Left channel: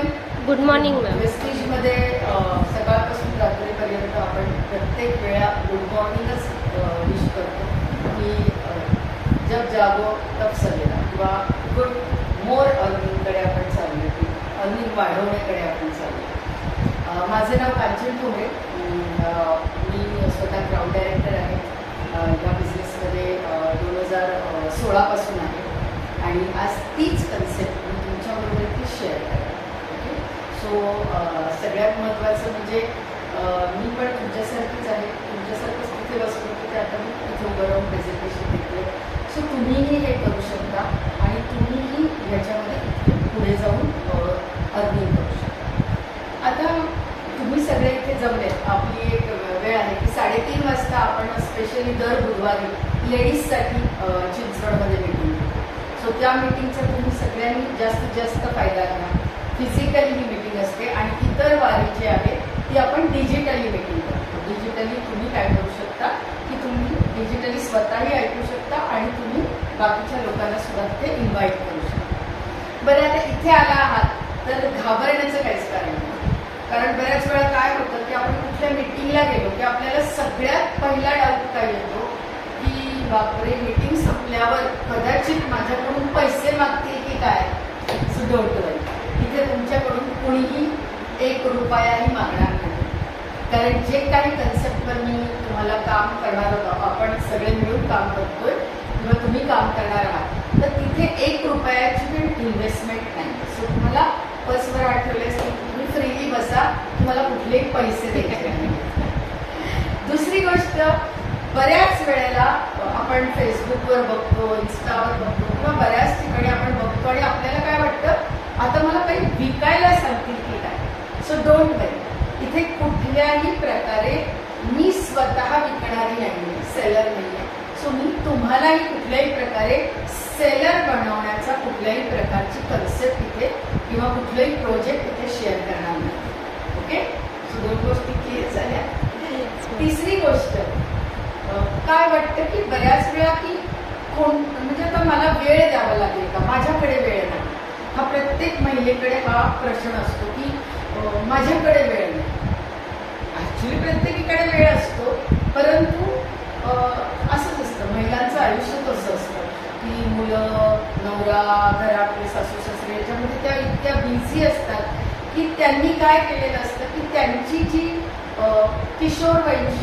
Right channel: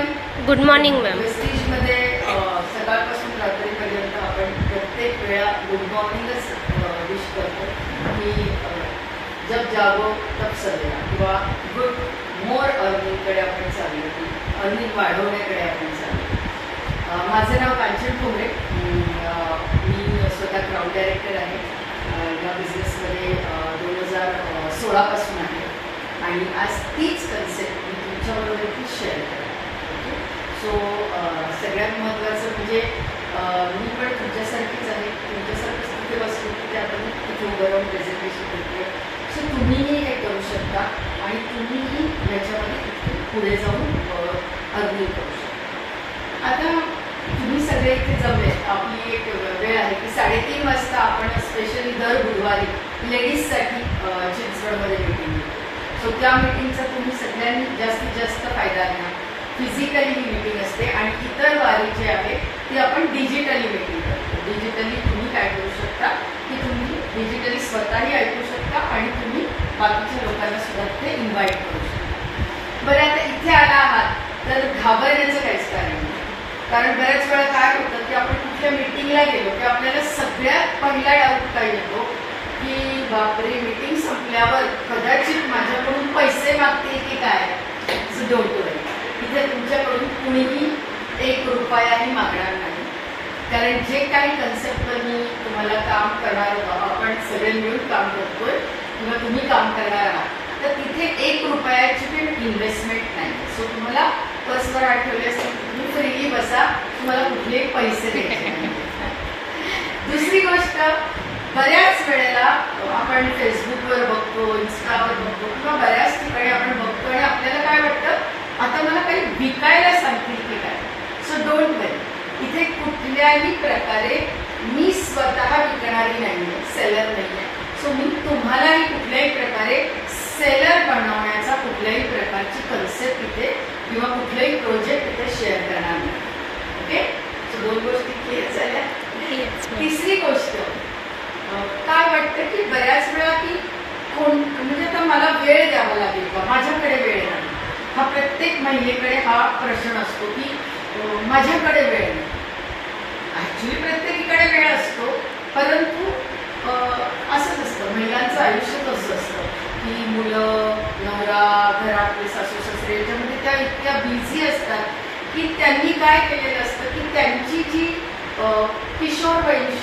Everyone. Good morning ma'am. वेस्टिजमध्ये सकाळपासून रात्रीपर्यंत आपण प्रत्येक वेळा गुड मॉर्निंगच विश करतो की जब जागो तब सवेरा किंवा गुड मोर अर्निंगकडे आपण चाललो की अर्निंग वाढवण्याकडे आपण चाललो. माझं नाव कांचन ठोंबरे. मी स्वतः क्राऊड डायरेक्टर आहे. या बिझनेसमध्ये 2016 पासून आहे आणि आज तीच कन्सेप्ट मी तुमच्याबरोबर ती शेअर करते. सो सगळ्यात महत्त्वाचं म्हणजे मी पण तुमच्यासारखीच आहे. तुमच्यासारखंच तिथे बसलो की ते आपण तिथे उभं राहून प्रेझेंटेशन देते. सो तुम्हीही हे करू शकता आणि तुम्हीही ह्याच्यामध्ये पुढे जाऊन अर्निंग करू शकता. आता तुम्ही सगळे इथे जमले. आपली एक वेळ आहे की 3:30 वाजता आपण स्पेशली दर बुधवारी लेडीजसाठी चिंचवडमध्ये मीटिंग घेतो. सो त्या मीटिंगचा तुम्ही सगळ्यांनी जास्तीत जास्त फायदा घ्या. फिजिकली ही मीटिंग असते आणि इतर वारी जी आहे ती आपण डिजिटली मीटिंग करतो. डिजिटली तुम्ही काय करू शकता की तुम्ही डिजिटली स्वतःही ऐकू शकता आणि तुम्ही बाकीच्या लोकांना सुद्धा ते इन्व्हाइट करू शकता. बरं, आता इथे आला आहात तर घाबरण्याचं काहीच कारण नाही. कारण बऱ्याच वेळा काय होतं की आपण कुठल्या मीटिंगला गेलो की आपल्याला सगळ्यात पहिला डाऊट काय येतो की बापरे, मीटिंग संपल्यावर कदाचित माझ्याकडून पैसे मागतील की काय. सो डोंट वरी, इथे तुमच्याकडून कुणीही 1 रुपयाही मागणार नाही. कारण जे काही कन्सेप्टवर मी तुम्हाला काम करणार होतं, आपण सगळे मिळून काम करतोय किंवा तुम्ही काम करणार आहात, तर तिथे 1 रुपयाची पण इन्व्हेस्टमेंट नाही. सो तुम्हाला पर्सवर आठवले असेल तुम्ही फ्रीली बसा, तुम्हाला कुठलेही पैसे द्यायचे नाही. दुसरी गोष्ट, बऱ्याच वेळेला आपण फेसबुकवर बघतो, इन्स्टावर बघतो किंवा बऱ्याच ठिकाणी आपण बघतो आणि आपल्याला काय वाटतं आता मला काही विकायला सांगतील की काय. सो डोंट वरी, इथे कुठल्याही प्रकारे मी स्वतः विकणारी नाही, सेलर नाही आहे. सो मी तुम्हालाही कुठल्याही प्रकारे सेलर बनवण्याचा कुठल्याही प्रकारची कन्सेप्ट इथे किंवा कुठलाही प्रोजेक्ट इथे शेअर करणार नाही. ओके, सो 2 गोष्टी क्लिअर झाल्या. तिसरी गोष्ट, काय वाटतं की बऱ्याच वेळा की म्हणजे आता मला वेळ द्यावा लागेल का, माझ्याकडे वेळ नाही. हा प्रत्येक महिलेकडे हा प्रश्न असतो की माझ्याकडे वेळ नाही. ॲक्च्युली प्रत्येकीकडे वेळ असतो, परंतु असंच असतं, महिलांचं आयुष्य कसं असतं की मुलं, नवरा, घरातले सासू सासरे याच्यामध्ये त्या इतक्या बिझी असतात की त्यांनी काय केलेलं असतं की त्यांची जी किशोरवयीन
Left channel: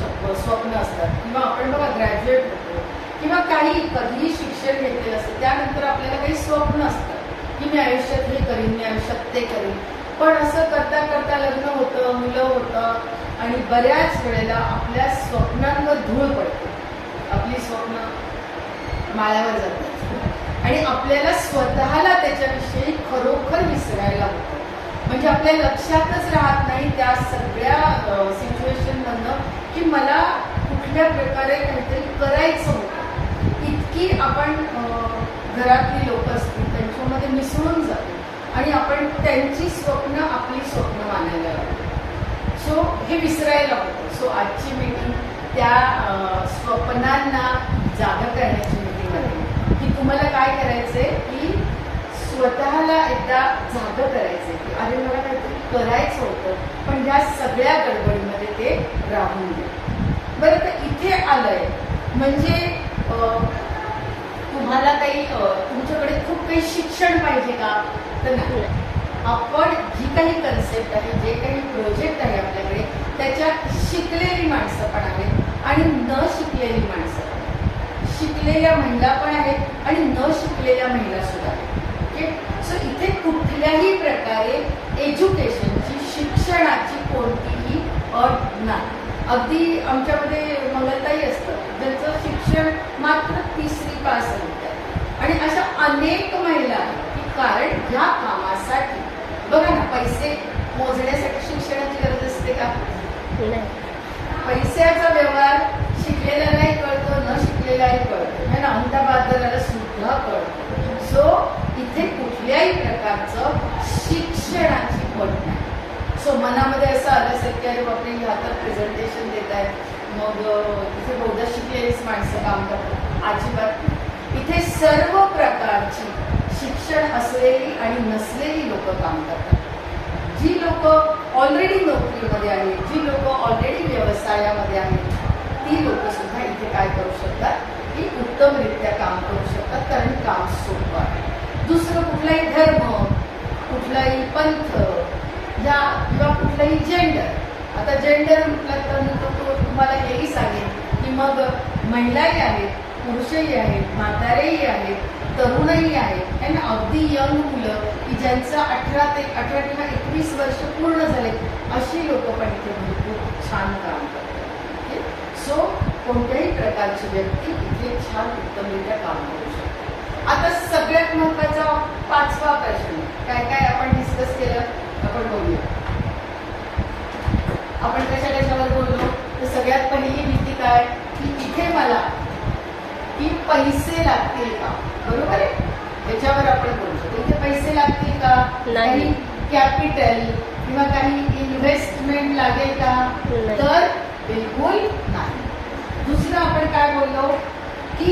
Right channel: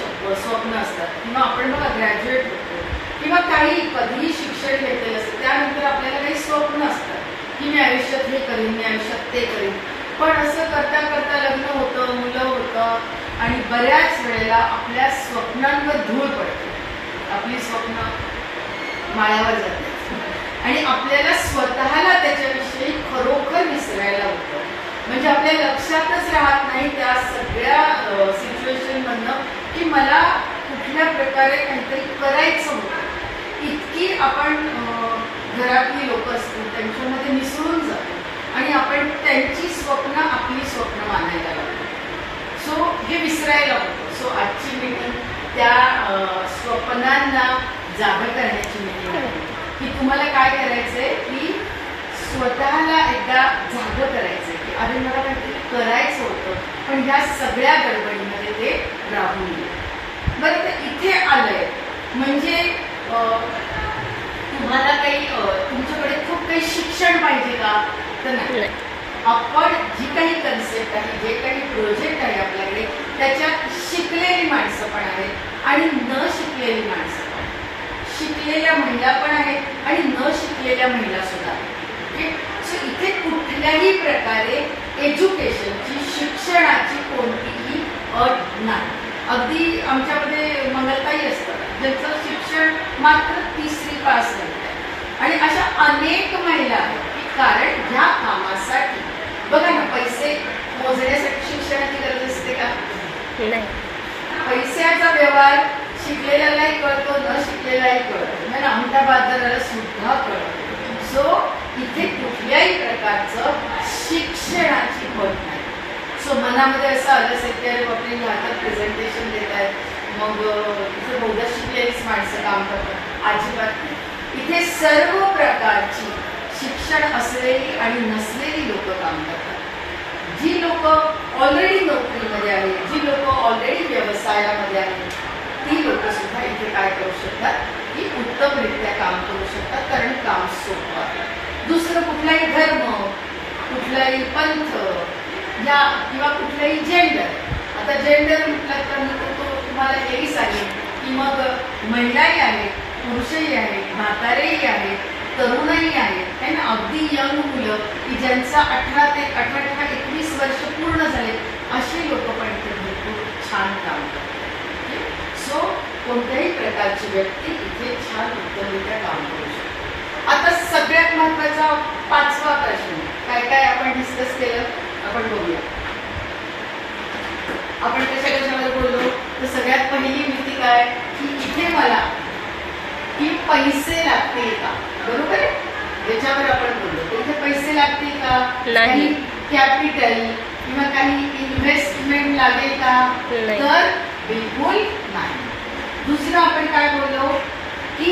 स्वप्न असतात किंवा आपण बघा ग्रॅज्युएट होतो किंवा काही कधीही शिक्षण घेतलेलं असतं, त्यानंतर आपल्याला काही स्वप्न असतात की मी आयुष्यात हे करीन, मी आयुष्यात ते करीन. पण असं करता करता लग्न होतं, मुलं होतं आणि बऱ्याच वेळेला आपल्या स्वप्नांवर धूळ पडते. आपली स्वप्न माळावर जातात आणि आपल्याला स्वतःला त्याच्याविषयी खरोखर विसरायला होतं. म्हणजे आपल्या लक्षातच राहत नाही त्या सगळ्या सिच्युएशनमधनं की मला कुठल्या प्रकारे काहीतरी करायचं होतं. इतकी आपण घरातली लोक असतील त्यांच्यामध्ये मिसळून जातो आणि आपण त्यांची स्वप्न आपली स्वप्न मानायला लागतो. सो हे विसरायला होतं. सो आजची मीटिंग त्या स्वप्नांना जागा करण्याची मीटिंग आहे की तुम्हाला काय करायचंय की स्वतःला एकदा जागं करायचंय की अरे मला काहीतरी करायचं होतं पण ह्या सगळ्या गडबडीमध्ये ते राहून गेले. बरं, तर इथे आलंय म्हणजे तुम्हाला काही तुमच्याकडे खूप काही शिक्षण पाहिजे का, तर नाही. आपण जी काही कन्सेप्ट आहे, जे काही प्रोजेक्ट आहे आपल्याकडे, त्याच्यात शिकलेली माणसं पण आहेत आणि न शिकलेली माणसं पण आहेत. शिकलेल्या महिला पण आहेत आणि न शिकलेल्या महिला सुद्धा आहेत. ओके, सो इथे कुठल्याही प्रकारे एज्युकेशनची, शिक्षणाची कोणतीही अट नाही. अगदी आमच्यामध्ये मंगलताई असतात ज्यांचं शिक्षण मात्र 3री पास नव्हतं आणि अशा अनेक महिला आहेत की कारण ह्या कामासाठी बघा ना, पैसे मोजण्यासाठी शिक्षणाची गरज असते का, नाही. पैशाचा व्यवहार शिकलेल्यालाही कळतो, न शिकलेलाही कळतो, है ना, अहमदाबादला सुद्धा कळतो. सो इथे कुठल्याही प्रकारचं शिक्षणाची पट नाही. सो मनामध्ये असं आलं असेल की अरे बापरे, हातात प्रेझेंटेशन देत आहेत, मग इथे बहुधा शिकलेलीच माणसं काम करतात. अजिबात नाही. इथे सर्व प्रकारची शिक्षण असलेली आणि नसलेली लोक काम करतात. जी लोक ऑलरेडी नोकरीमध्ये आहेत, जी लोक ऑलरेडी व्यवसायामध्ये आहेत, ती लोक सुद्धा इथे काय करू शकतात की उत्तमरित्या काम करू शकतात, कारण काम सोपं आहे. दुसरं कुठलाही धर्म, कुठलाही पंथ या किंवा कुठलाही जेंडर, आता जेंडर म्हटलं तर मी तुम्हाला हेही सांगेन की मग महिलाही आहेत, पुरुषही आहेत, म्हातारेही आहेत, तरुणही आहेत, है ना, अगदी यंग मुलं की ज्यांचा 18 ते 21 वर्ष पूर्ण झाले, अशी लोक पण इथे भरपूर छान काम करतात. सो कोणत्याही प्रकारची व्यक्ती इथे छान उत्तमरित्या काम करू शकते. आता सगळ्यात महत्वाचा 5वा प्रश्न, काय काय आपण डिस्कस केलं आपण बघूया. आपण कशावर बोललो, तर सगळ्यात पहिली भीती काय की इथे मला की पैसे लागतील का, बरोबर आहे, याच्यावर आपण बोललो. इथे पैसे लागतील का, काही कॅपिटल किंवा काही इन्व्हेस्टमेंट लागेल का, तर बिलकुल नाही. दुसरं आपण काय बोललो की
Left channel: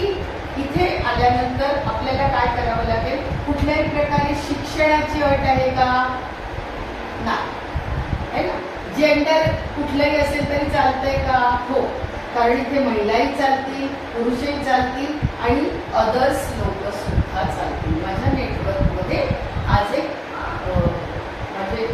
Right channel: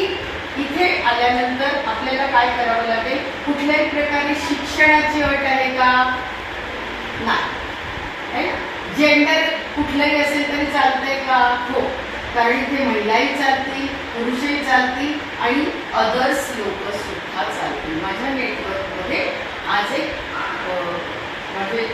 इथे आल्यानंतर आपल्याला काय करावं लागेल, कुठल्याही प्रकारे शिक्षणाची अट आहे का, नाही. जेंडर कुठलंही असेल तरी चालतंय का, हो, कारण इथे महिलाही चालतील, पुरुषही चालतील आणि अदर्स लोक सुद्धा चालतील. माझ्या नेटवर्कमध्ये आज एक माझे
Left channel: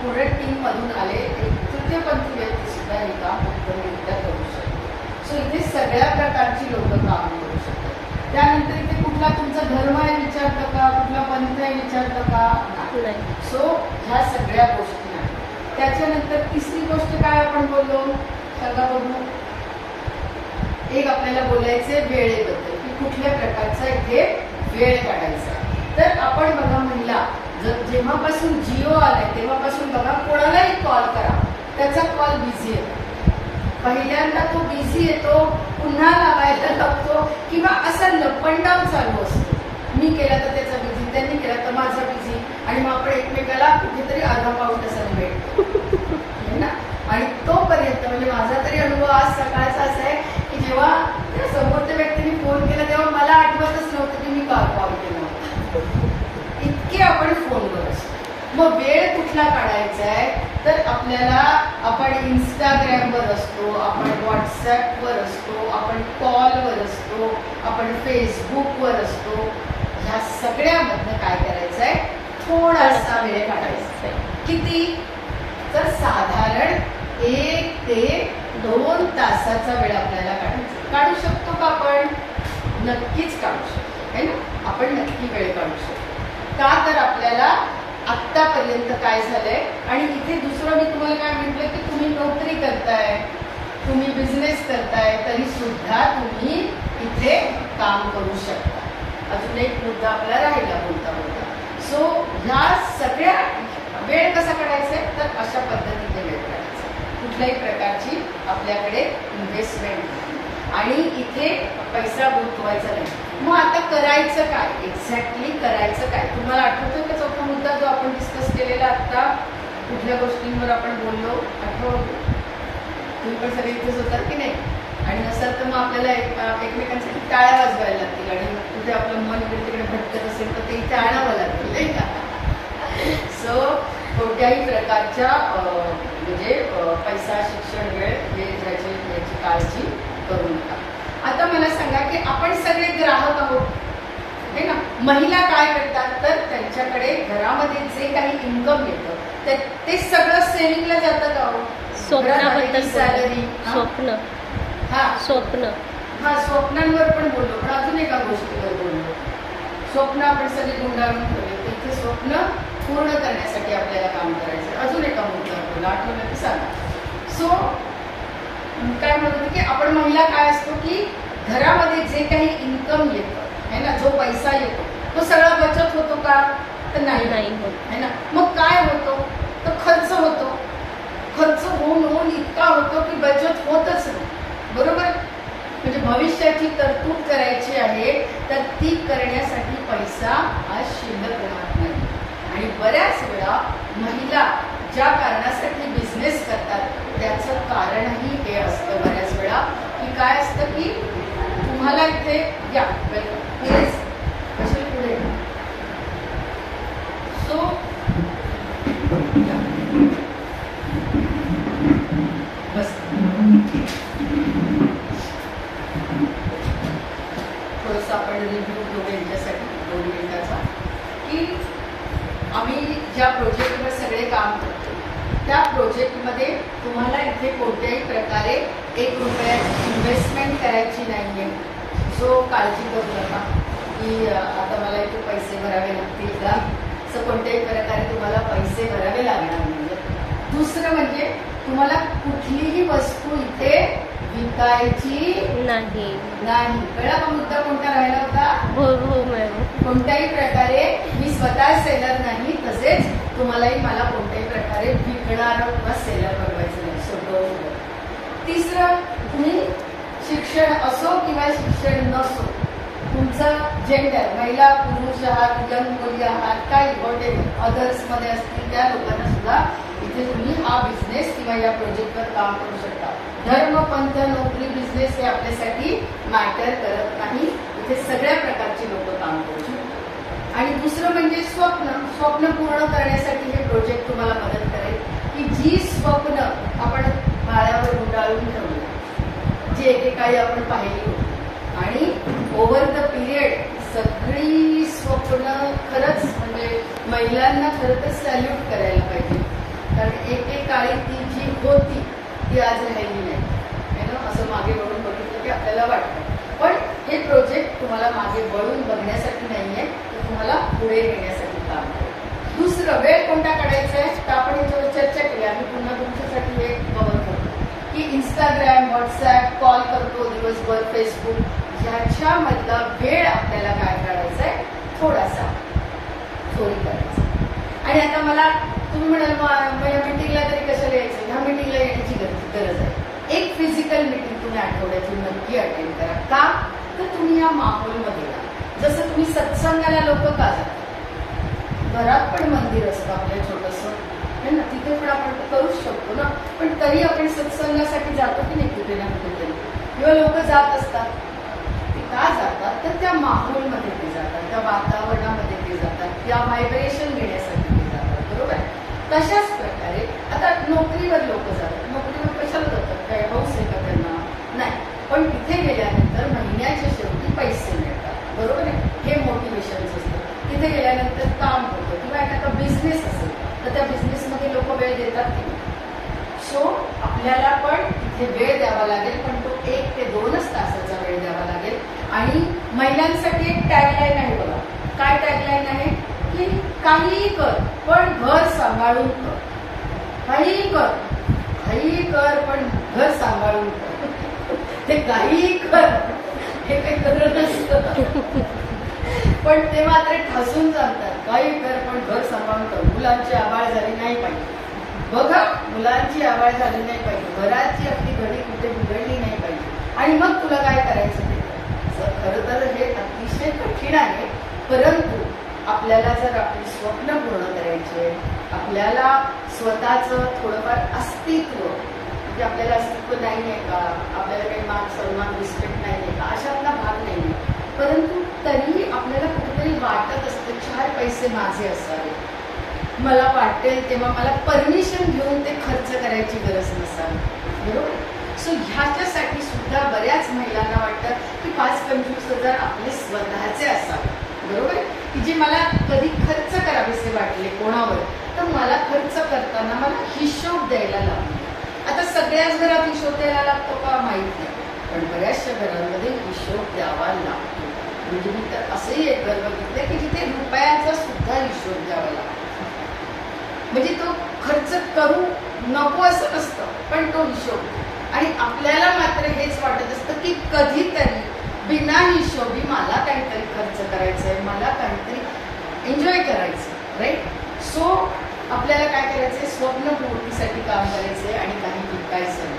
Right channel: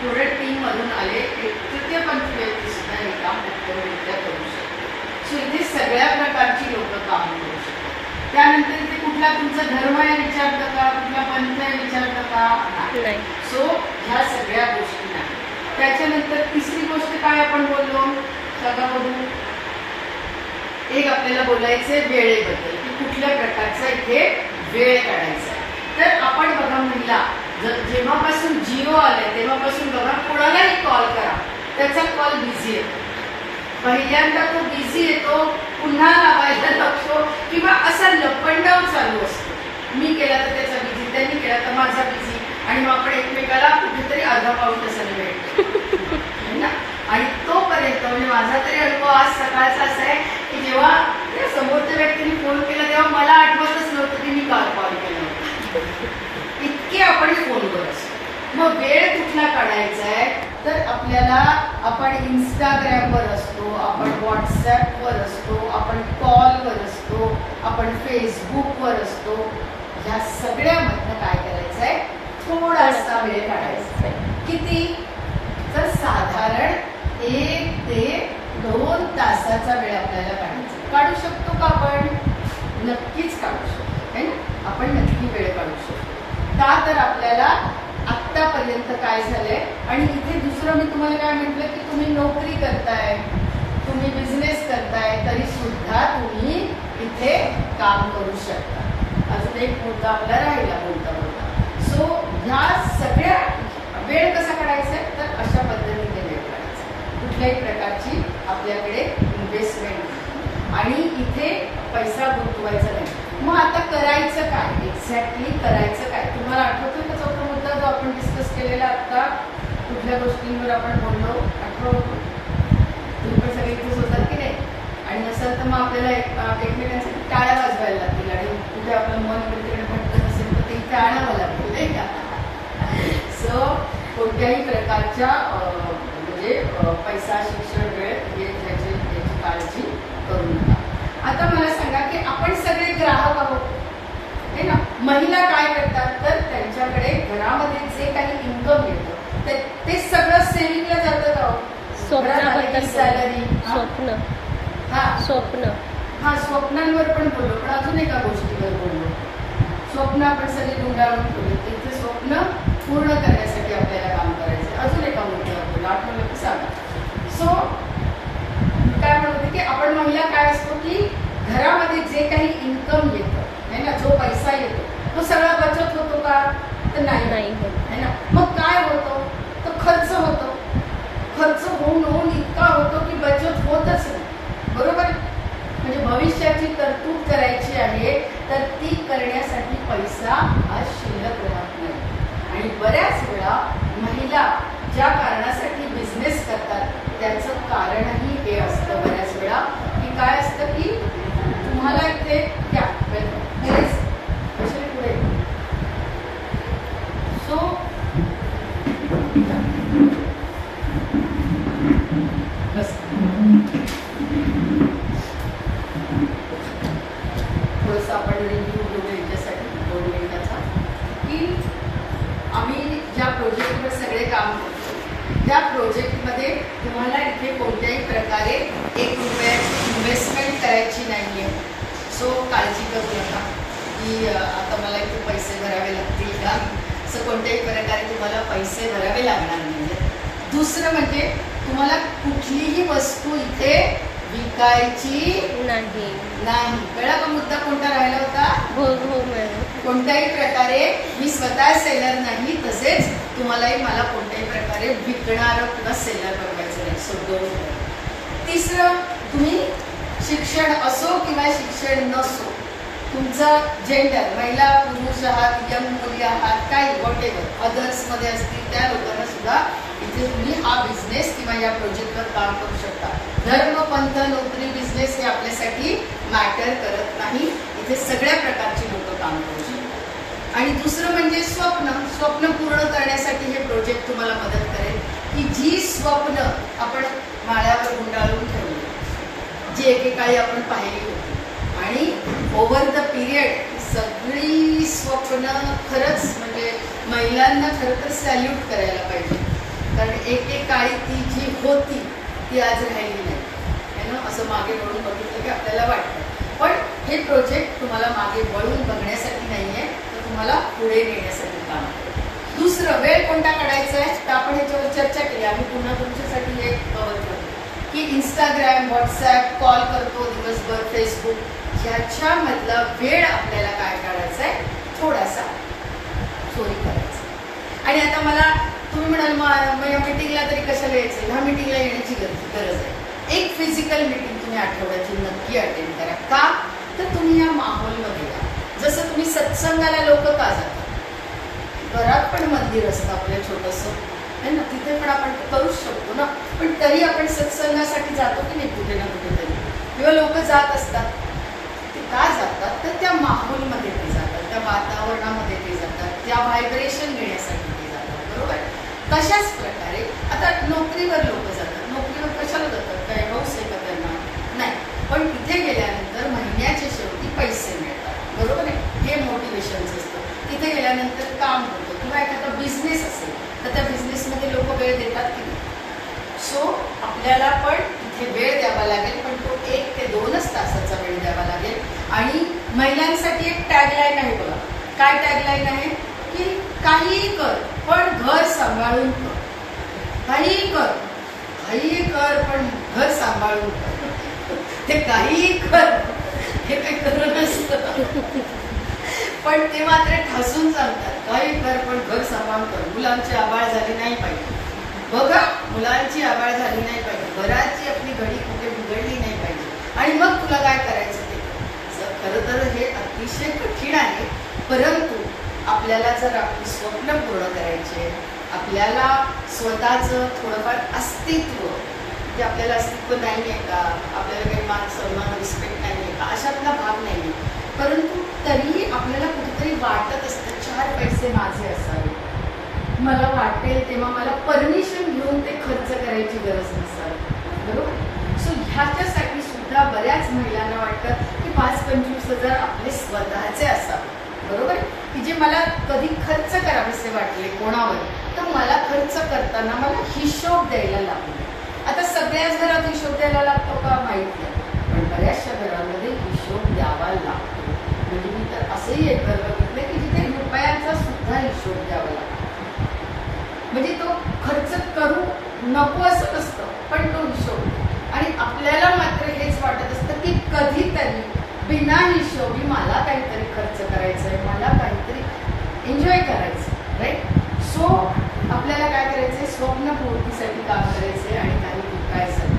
पूर्ण टीम मधून आले एक तृतीयपंथी व्यक्ती सुद्धा हे काम उत्तमरित्या करू शकते. सो इथे सगळ्या प्रकारची लोक काम करू शकतात. त्यानंतर इथे कुठला तुमचा धर्म आहे विचारतं का, कुठला पंथ आहे विचारतं का, नाही. सो ह्या सगळ्या गोष्टी नाही. त्याच्यानंतर तिसरी गोष्ट काय आपण बोललो, सांगा बघू. एक आपल्याला बोलायचंय वेळेबद्दल की कुठल्या प्रकारचा इथे वेळ काढायचा आहे. तर आपण बघा महिला जेव्हापासून जिओ आले तेव्हापासून बघा कोणालाही कॉल करा, त्याचा कॉल बिझी येतो. पहिल्यांदा तो बिझी येतो, पुन्हा लावायला लागतो किंवा असा लपंडाव चालू असतो. मी केला तर त्याचा बिझी, त्यांनी केला तर माझा बिझी, आणि मग आपण एकमेकाला कुठेतरी अर्धा पाऊण तासाने भेटतो ना. आणि तोपर्यंत म्हणजे माझा तरी अनुभव आज सकाळचा असा आहे की जेव्हा त्या समोरच्या व्यक्तीने फोन केला तेव्हा मला आठवतच नव्हतं की मी काल कॉल केला होता. इतके आपण फोनवर असतो. मग वेळ कुठला काढायचा आहे, तर आपल्याला आपण इंस्टाग्रामवर असतो, आपण व्हॉट्सॲपवर असतो, आपण कॉलवर असतो, आपण फेसबुकवर असतो. ह्या सगळ्यामधनं काय करायचं आहे, थोडासा वेळ काढायचा आहे. किती, तर साधारण 1 ते 2 तासाचा वेळ आपल्याला काढू शकतो का आपण, नक्कीच काढू शकतो, है ना, आपण नक्की वेळ काढू शकतो. का, तर आपल्याला आत्तापर्यंत काय झालंय, आणि इथे दुसरं मी तुम्हाला काय म्हटलं की तुम्ही नोकरी करताय, तुम्ही बिझनेस करताय, तरी सुद्धा तुम्ही इथे काम करू शकता. अजून एक मुद्दा आपला राहिला बोलता बोलता. सो ह्या सगळ्या वेळ कसा काढायचा आहे, तर अशा पद्धतीने वेळ काढायचा. कुठल्याही प्रकारची आपल्याकडे इन्व्हेस्टमेंट आणि इथे पैसा गुंतवायचा नाही. मग आता करायचं काय, एक्झॅक्टली करायचं काय, तुम्हाला आठवतो का चौथा मुद्दा जो आपण डिस्कस केलेला आता, कुठल्या गोष्टींवर आपण बोललो, आठवतो? तुम्ही पण सगळे इथेच होतात की नाही, आणि नसेल तर मग आपल्याला एकमेकांसाठी टाळ्या वाजवायला लागतील, आणि कुठे आपलं मन तिकडे भटकत असेल तर ते टाळावं लागतील, नाही का. सो कोणत्याही प्रकारच्या म्हणजे पैसा, शिक्षण, वेळ याची काळजी करू नका. आता मला सांगा की आपण सगळे ग्राहक आहोत, है ना. महिला काय करतात, तर त्यांच्याकडे घरामध्ये जे काही इन्कम येतं ते सगळं सेव्हिंगला जातं का, सॅलरी, स्वप्न, स्वप्नांवर पण बोललो, पण अजून एका गोष्टीवर बोललो. स्वप्न आपण सगळे गुंडाळून ठेवले, इथे स्वप्न पूर्ण करण्यासाठी आपल्याला काम करायचं. अजून एका मुद्द्यावर बोललो, आठवलं की सांगा. सो काय म्हणतो की आपण महिला काय असतो की घरामध्ये जे काही इन्कम येतं है ना, जो पैसा येतो तो सगळा बचत होतो का, तर नाही होत, है ना. मग काय होतो, तर खर्च होतो. खर्च होऊन इतका होतो की बचत होतच नाही, बरोबर. म्हणजे भविष्याची तरतूद करायची आहे तर ती करण्यासाठी पैसा हा शिल्लक राहत नाही. आणि बऱ्याच वेळा महिला ज्या कारणासाठी बिझनेस करतात त्याचं कारणही हे असतं बऱ्याच वेळा की काय असतं की तुम्हाला इथे या पुढे. सो बस थोडंसं आपण रिव्ह्यू घेऊ यांच्यासाठी 2 मिनिटाचा, की आम्ही ज्या प्रोजेक्टवर सगळे काम करतो त्या प्रोजेक्टमध्ये तुम्हाला इथे कोणत्याही प्रकारे 1 रुपयाची इन्व्हेस्टमेंट करायची नाही आहे. सो काळजी करू नका की आता मला इथे पैसे भरावे लागतील का, असं कोणत्याही प्रकारे तुम्हाला पैसे भरावे लागणार नाही. दुसरं म्हणजे तुम्हाला कुठलीही वस्तू इथे विकायची नाही. कळला का मुद्दा कोणता राहिला होता? हो हो मॅडम. कोणत्याही प्रकारे मी स्वतः सेलर नाही, तसेच तुम्हालाही मला कोणत्याही प्रकारे विकणार किंवा सेलर बनवायचं नाही. सगळं. तिसरं, तुम्ही शिक्षण असो किंवा शिक्षण नसो, तुमचं जेंडर, महिला पुरुष आहात, यंग मुली आहात, काही वॉटेवर अदर्समध्ये असतील त्या लोकांना सुद्धा इथे तुम्ही हा बिझनेस किंवा या प्रोजेक्टवर काम करू शकता. धर्म, पंथ, नोकरी, बिझनेस हे आपल्यासाठी मॅटर करत नाही. इथे सगळ्या प्रकारची लोक काम करू शकतात. आणि दुसरं म्हणजे स्वप्न पूर्ण करण्यासाठी हे प्रोजेक्ट तुम्हाला मदत करेल, की जी स्वप्न आपण माळ्यावर गुंडाळून ठेवली, जी एकेकाळी आपण पाहिली होती, आणि ओव्हर द पिरियड सगळी स्वप्न खरंच म्हणजे महिलांना खरं तर सॅल्यूट करायला पाहिजे. कारण एकेकाळी ती जी होती ती आज राहिली नाही है ना. असं मागे वळून बघितलं की आपल्याला वाटतं. पण हे प्रोजेक्ट तुम्हाला मागे वळून बघण्यासाठी नाही आहे, तर तुम्हाला पुढे नेण्यासाठी काम करतो. दुसरं, वेळ कोणता काढायचा आहे तर आपण याच्यावर चर्चा केली. आम्ही पुन्हा तुमच्यासाठी हे कव्हर करतो की इंस्टाग्राम, व्हॉट्सॲप, कॉल करतो दिवसभर, फेसबुक, ह्याच्यामधला वेळ आपल्याला काय काढायचा आहे, थोडासा चोरी करायचा. आणि आता मला तुम्ही म्हणाल या मिटिंगला तरी कशाला यायचं, ह्या मिटिंगला येण्याची गरज आहे. एक फिजिकल मिटिंग तुम्ही आठवड्याची नक्की अटेंड करा. का तर तुम्ही या माहोलमध्ये या. जसं तुम्ही सत्संगाला लोक का जातात, घरात पण मंदिर असतं आपलं छोटंसं है ना, तिथे पण आपण करूच शकतो ना, पण तरी आपण सत्संगासाठी जातो की नाही कुठे ना कुठेतरी, किंवा लोक जात असतात. ते का जातात तर त्या माहोलमध्ये ते जातात, त्या वातावरणामध्ये ते जातात, त्या व्हायब्रेशन घेण्यासाठी ते जातात. बरोबर. तशाच प्रकारे आता नोकरीवर लोक जातात. नोकरीवर कशाला जातात, काय हौस आहे का त्यांना? नाही. पण तिथे गेल्यानंतर महिन्याच्या शेवटी पैसे मिळतात. बरोबर आहे. हे मोटिवेशन्स असतं. तिथे गेल्यानंतर काम होतं, किंवा एखादा बिझनेस असेल तर त्या बिझनेसमध्ये लोक वेळ देतात की नाही. सो आपल्याला पण इथे वेळ द्यावा लागेल, पण तो 1 ते 2च तासाचा वेळ द्यावा लागेल. आणि महिलांसाठी एक टॅगलाईन आहे बघा. काय टॅगलाईन आहे की काहीही कर पण घर सांभाळून कर. काहीही कर पण घर सांभाळून कर. ते काहीही कर हे काही खरं नसतं, पण ते मात्र ठासून सांगतात. काही कर पण घर सांभाळून कर. मुलांची आबाळ झाली नाही पाहिजे. बघा, मुलांची आबाळ झाली नाही पाहिजे, घराची आपली घडी कुठे बिघडली नाही पाहिजे, आणि मग तुला काय करायचं ते. खरं तर हे अतिशय कठीण आहे, परंतु आपल्याला जर आपली स्वप्न पूर्ण करायचे, आपल्याला स्वतःचं थोडंफार अस्तित्व, की आपल्याला अस्तित्व नाही आहे का, आपल्याला काही मान सन्मान रिस्पेक्ट नाही आहे का, अशातला भाग नाही आहे, परंतु तरीही आपल्याला कुठेतरी वाटत असतं 4 पैसे माझे असावे, मला वाटेल तेव्हा मला परमिशन घेऊन ते खर्च करायची गरज नसावी. बरोबर. सो ह्याच्यासाठी सुद्धा बऱ्याच महिलांना वाटतं की 5-25 हजार आपले स्वतःचे असावे. बरोबर. की जे मला कधी खर्च करावेसे वाटले कोणावर, तर मला खर्च करताना मला हिशोब द्यायला लागतो. आता सगळ्याच घरात हिशोब द्यायला लागतो का माहिती आहे, पण बऱ्याचशा घरांमध्ये हिशोब द्यावा लागतो. म्हणजे मी तर असंही एक घर बघितलं की जिथे रुपयांचा सुद्धा हिशोब द्यावा लागतो. म्हणजे तो खर्च करू नको असं नसतं, पण तो हिशोब. आणि आपल्याला मात्र हेच वाटत असतं की कधीतरी बिना हिशोबी मला काहीतरी खर्च करायचंय, मला काहीतरी एन्जॉय करायचं. राईट. सो आपल्याला काय करायचंय, स्वप्नपूर्तीसाठी काम करायचंय आणि काही विकायचं.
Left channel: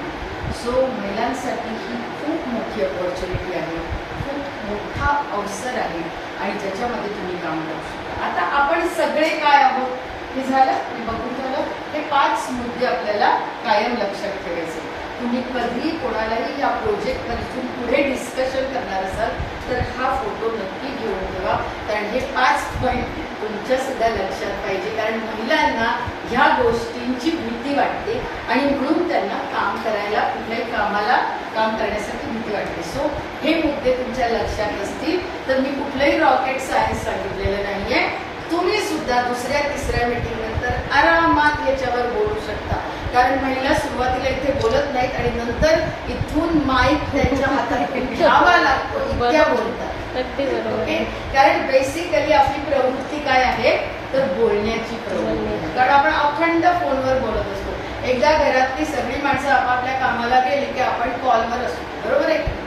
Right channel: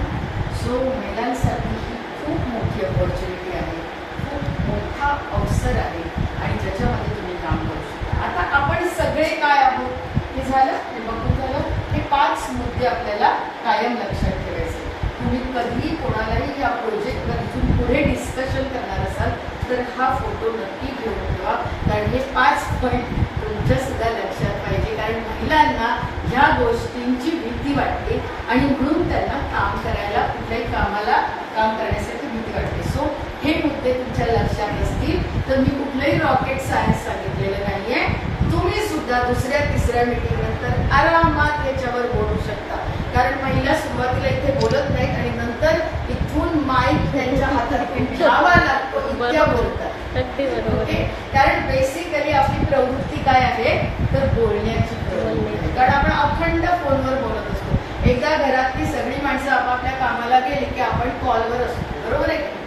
सो महिलांसाठी ही खूप मोठी अपॉर्च्युनिटी आहे, खूप मोठा अवसर आहे, आणि ज्याच्यामध्ये तुम्ही काम करू शकता. आता आपण सगळे काय आहोत हे झालं, हे बघून झालं. हे 5 मुद्दे आपल्याला कायम लक्षात ठेवायचे. तुम्ही कधी कोणालाही या प्रोजेक्टवर इथून पुढे डिस्कशन करणार असाल तर हा फोटो नक्की घेऊन ठेवा, कारण हे 5 पॉईंट तुमच्या सुद्धा लक्षात पाहिजे. कारण महिलांना ह्या गोष्टींची भीती वाटते आणि म्हणून त्यांना काम करायला, कुठल्याही कामाला काम करण्यासाठी भीती वाटते. सो हे मुद्दे तुमच्या लक्षात असतील तर मी कुठलंही रॉकेट सायन्स सांगितलेलं नाहीये. तुम्ही सुद्धा दुसऱ्या तिसऱ्या मीटिंग नंतर आरामात याच्यावर बोलू शकता, कारण महिला सुरुवातीला इथे बोलत नाहीत आणि नंतर इथून माईक त्यांच्या हातात घ्यावा लागतो, इतक्या बोलतात. अगदी बरोबर. ओके, कारण बेसिकली आपली प्रवृत्ती काय आहे तर बोलण्याची प्रवृत्ती, कारण आपण अखंड फोनवर बोलत असतो. एकदा घरातली सगळी माणसं आपापल्या कामाला गेली की आपण कॉलवर असतो, बरोबर आहे.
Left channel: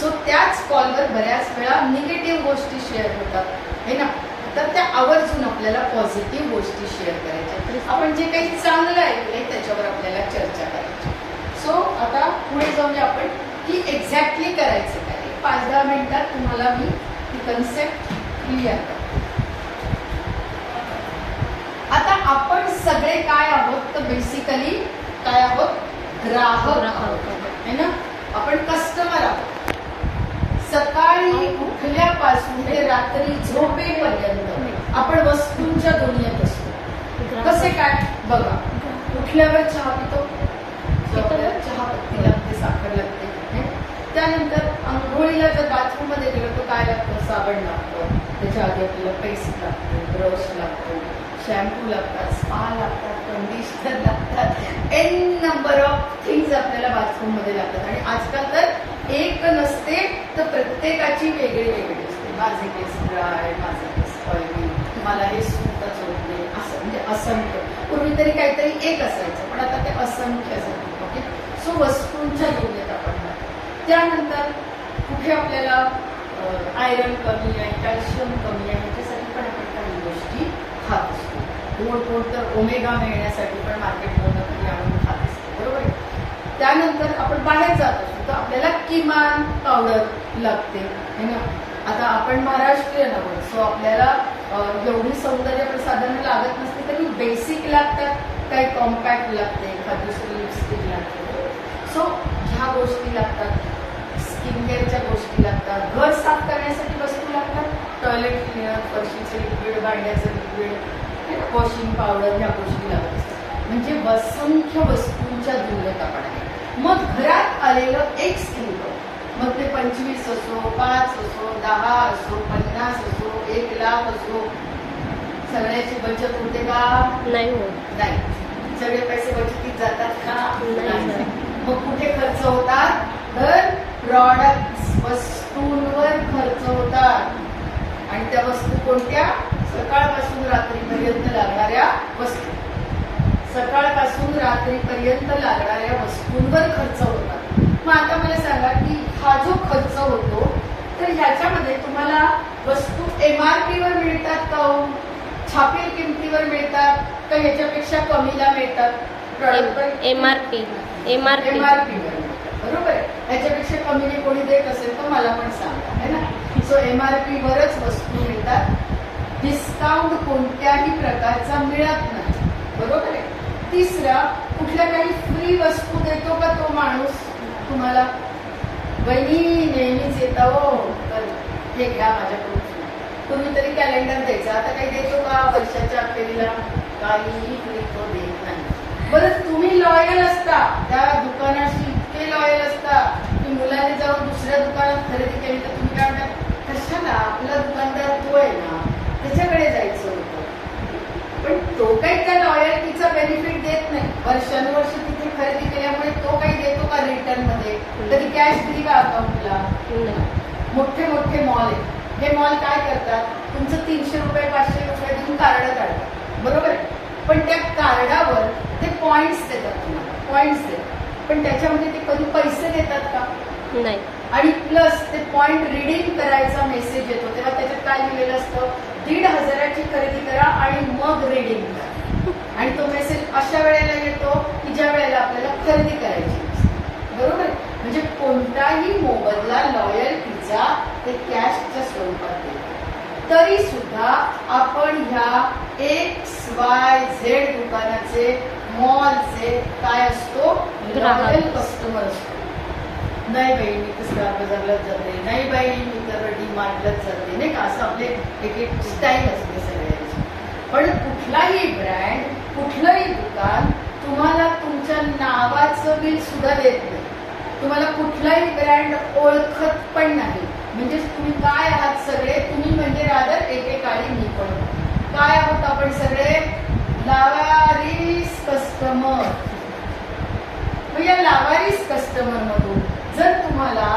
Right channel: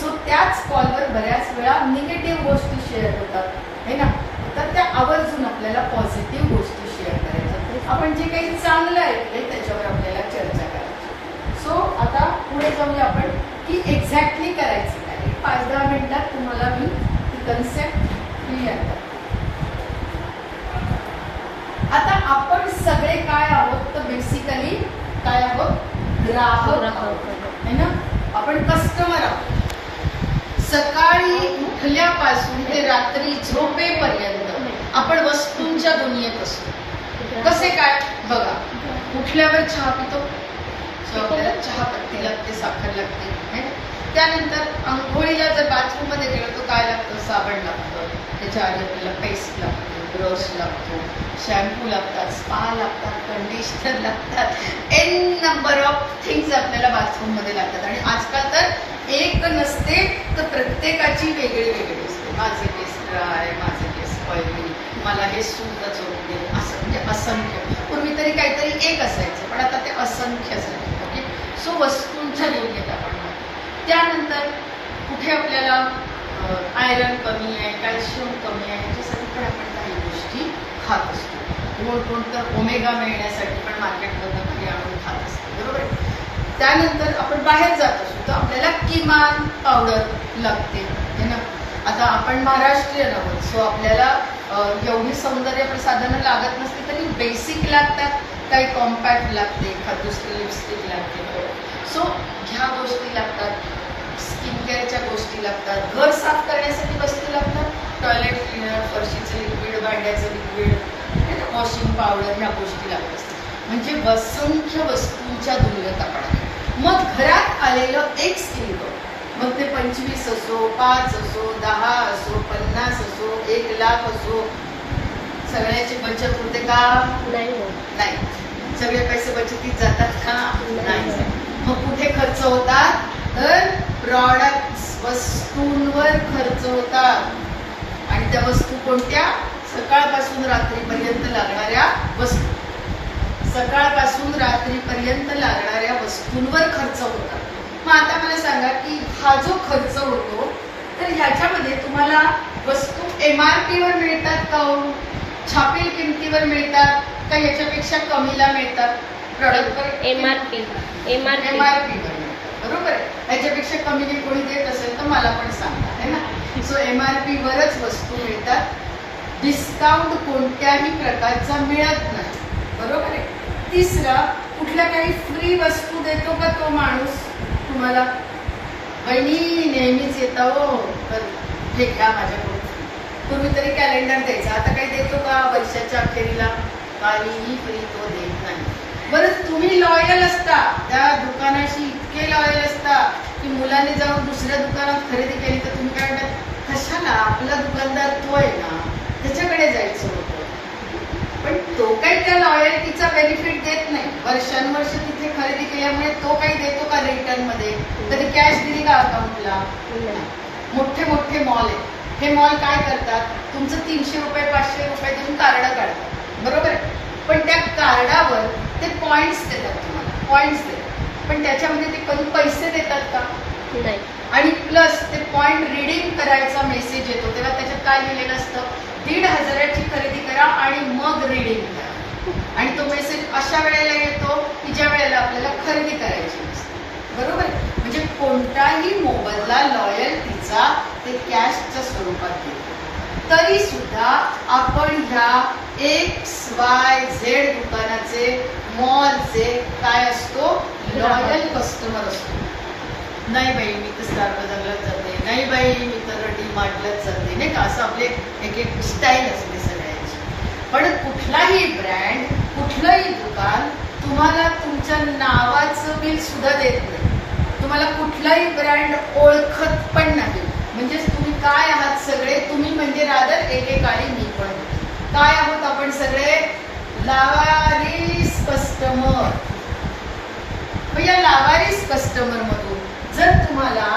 सो त्याच कॉलवर बऱ्याच वेळा निगेटिव्ह गोष्टी शेअर होतात है ना, तर त्या आवर्जून आपल्याला पॉझिटिव्ह गोष्टी शेअर करायच्या. आपण जे काही चांगलं ऐकलंय त्याच्यावर आपल्याला चर्चा करायची. सो आता पुढे जाऊया आपण की एक्झॅक्टली करायचं काय. 5-10 मिनिटात तुम्हाला मी ती कन्सेप्ट क्लिअर करते. आता आपण सगळे काय आहोत तर बेसिकली काय आहोत, ग्राहक है ना. आपण कस्टमर आहोत. सकाळी उठल्यापासून ते रात्री झोपेपर्यंत आपण वस्तूंच्या दुनियेत असतो. कसे काय बघा, उठल्यावर चहा पितो, आपल्याला चहा पत्ती लागते, साखर लागते. त्यानंतर आंघोळीला जर बाथरूम मध्ये गेलो तर काय लागतं, साबण लागतं, त्याच्या आधी आपल्याला पेस्ट लागते, ब्रश लागतो, शॅम्पू लागतात, स्पा लागतात, कंडिशनर लागतात, एन नंबर ऑफ थिंग्स आपल्याला बाथरूम मध्ये लागतात. आणि आजकाल तर एक नसते तर प्रत्येकाची वेगळी वेगळी असते. माझे केस ड्राय, माझे केस ऑइली, मला हे सूतच होत नाही, असं म्हणजे असंख्य. पूर्वी तरी काहीतरी एक असायचं, पण आता ते असंख्य झाले. ओके, सो वस्तूंच्या दुनियेत आपण राहतो. त्यानंतर कुठे आपल्याला आयरन कमी आहे, कॅल्शियम कमी आहे, याच्यासाठी पण आपण काही गोष्टी खात असतो. कोणतं ओमेगा मिळण्यासाठी पण मार्केटमधून कधी आणून खात असतो, बरोबर आहे. त्यानंतर आपण बाहेर जात असतो तर आपल्याला किमान पावडर लागते है ना. आता आपण महाराष्ट्रीयन आहोत, सो आपल्याला एवढी सौंदर्य प्रसाधनं लागत नसते तरी बेसिक लागतात. काही कॉम्पॅक्ट लागते, एखाद दुसरी लिपस्टिक लागते. सो ह्या गोष्टी लागतात. स्किन केअरच्या गोष्टी लागतात. घर साफ करण्यासाठी वस्तू लागतात, टॉयलेट क्लिनर, फरशीचं लिक्विड, भांड्याचं लिक्विड, वॉशिंग पावडर, ह्या गोष्टी लागत असतात. म्हणजे असंख्य वस्तूंच्या दुनियेत आपण आहे. मग घरात आलेलं एक स्त्रीबळ, मग ते 25 असो, 5 असो, 10 असो, 50 असो, 1 लाख असो, सगळ्याची बचत होते का नाही. सगळे पैसे बचतीत जातात का नाही. मग कुठे खर्च होतात तर प्रॉडक्ट्स, वस्तूंवर खर्च होतात. आणि त्या वस्तू कोणत्या, सकाळपासून रात्रीपर्यंत लागणाऱ्या वस्तू. सकाळपासून रात्रीपर्यंत लागणाऱ्या वस्तूंवर खर्च होतात. मग आता मला सांगा की हा जो खर्च होतो तर ह्याच्यामध्ये तुम्हाला वस्तू MRP वर मिळतात का हो, छापील किमतीवर मिळतात का याच्यापेक्षा कमीला मिळतात. प्रॉडक्टवर MRP वर मिळतात, बरोबर आहे. ह्याच्यापेक्षा कमीने कोणी देत असेल तर मला पण सांगा है ना. सो MRP वरच वस्तू मिळतात. डिस्काउंट कोणत्याही प्रकारचा मिळत नाही, बरोबर आहे. तिसरा, कुठल्या काही फ्री वस्तू देतो का तो माणूस तुम्हाला, बहिणी नेहमीच येता हो तर हे घ्या माझ्याकडून. पूर्वी तरी कॅलेंडर द्यायचा, आता काही देतो का वर्षाच्या अखेरीला, काहीही फ्री तो देत नाही. बरं तुम्ही लॉयल असता त्या दुकानाशी, इतके लॉयल असता की मुलाने जाऊन दुसऱ्या दुकानात खरेदी केली तर तुम्ही काय म्हणतात, कशाला, आपला दुकानदार तो आहे ना, त्याच्याकडे जायचं होतं. पण तो काही त्या लॉयल्टीचा बेनिफिट देत नाही. वर्षानुवर्ष तिथे खरेदी केल्यामुळे तो काही देतो का रिटर्न मध्ये, कधी कॅश दिली का अकाउंटला. मोठे मोठे मॉल आहेत, हे मॉल काय करतात, तुमचं 300 रुपये 500 रुपये देऊन कार्ड काढतात, बरोबर आहे. पण त्या कार्डावर ते पॉइंट्स देतात तुम्हाला, पॉइंट्स देतात. पण त्याच्यामध्ये ते कधी पैसे देतात का नाही. आणि प्लस ते पॉइंट रिडीम करायचा मेसेज येतो तेव्हा त्याच्यात काय लिहिलेलं असतं, 1,500ची खरेदी करा आणि मग रिडीम करा. आणि तो मेसेज अशा वेळेला येतो की ज्या वेळेला आपल्याला खरेदी करायची असते, बरोबर. म्हणजे कोणताही मोबदला लॉयल्टीचा ते कॅशच्या स्वरूपात येतो. तरी सुद्धा आपण ह्या XYZ दुकानाचे, मॉलचे काय असतो, लॉयल कस्टमर असतो. नाही बाई मी तर स्टार बाजारलाच जाते, नाही बाई मी तर डी मार्टलाच जाते, नाही का, असं आपले एक एक स्टाईल असते सगळ्यांची. पण कुठलाही ब्रँड, कुठलंही दुकान तुम्हाला तुमच्या नावाचं बिल सुद्धा देत नाही. तुम्हाला कुठलाही ब्रँड ओळखत पण नाही. म्हणजे तुम्ही काय आहात सगळे, तुम्ही म्हणजे रादर एकेकाळी मी पण काय आहोत आपण सगळे, लावारिस कस्टमर. मग या लावारिस कस्टमर मधून जर तुम्हाला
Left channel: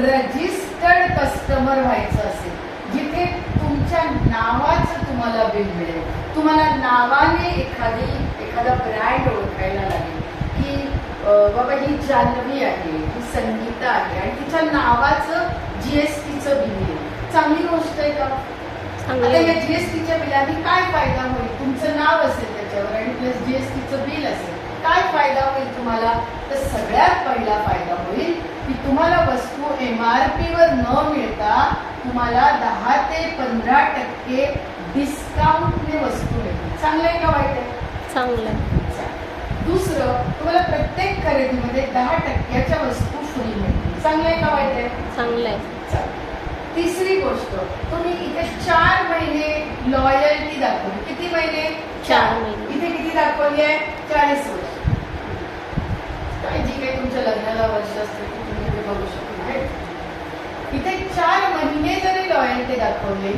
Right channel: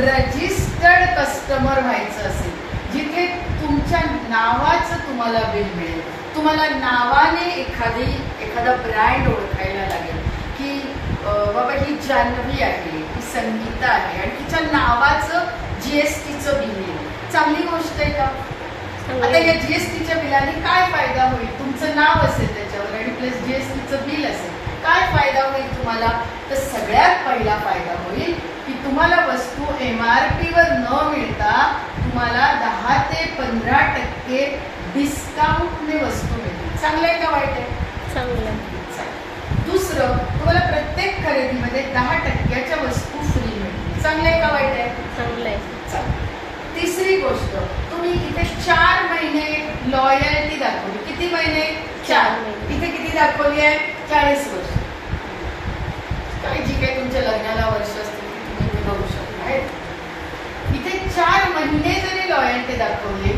रजिस्टर्ड कस्टमर व्हायचं असेल, जिथे तुमच्या नावाचं तुम्हाला बिल मिळेल, तुम्हाला नावाने एखादा ब्रँड ओळखायला लागेल की बाबा ही जान्हवी आहे, ही संगीता आहे आणि तिच्या नावाचं जीएसटीचं बिल येईल. चांगली गोष्ट आहे का? आता या जीएसटीच्या बिलाने काय फायदा होईल? तुमचं नाव असेल त्याच्यावर आणि प्लस जीएसटीचं बिल असेल, काय फायदा होईल तुम्हाला? तर सगळ्यात पहिला फायदा होईल की तुम्हाला वस्तू MRP वर न मिळता तुम्हाला 10 ते 15% डिस्काउंटने वस्तू मिळतील. चांगलं आहे का वाईट आहे? चांगलं. दुसरं, तुम्हाला प्रत्येक खरेदीमध्ये 10% वस्तू फ्री मिळतील. चांगलं आहे का वाईट आहे? चांगलं आहे. तिसरी गोष्ट, तुम्ही इथे 4 महिने लॉयल्टी दाखवली. किती महिने? 4 महिने. इथे किती दाखवली आहे? 40 वर्ष. काय जी काही तुमच्या लग्नाला वर्ष असतील ती तुम्ही इथे बघू शकता. इथे 4 महिने जरी लॉयल्टी दाखवली,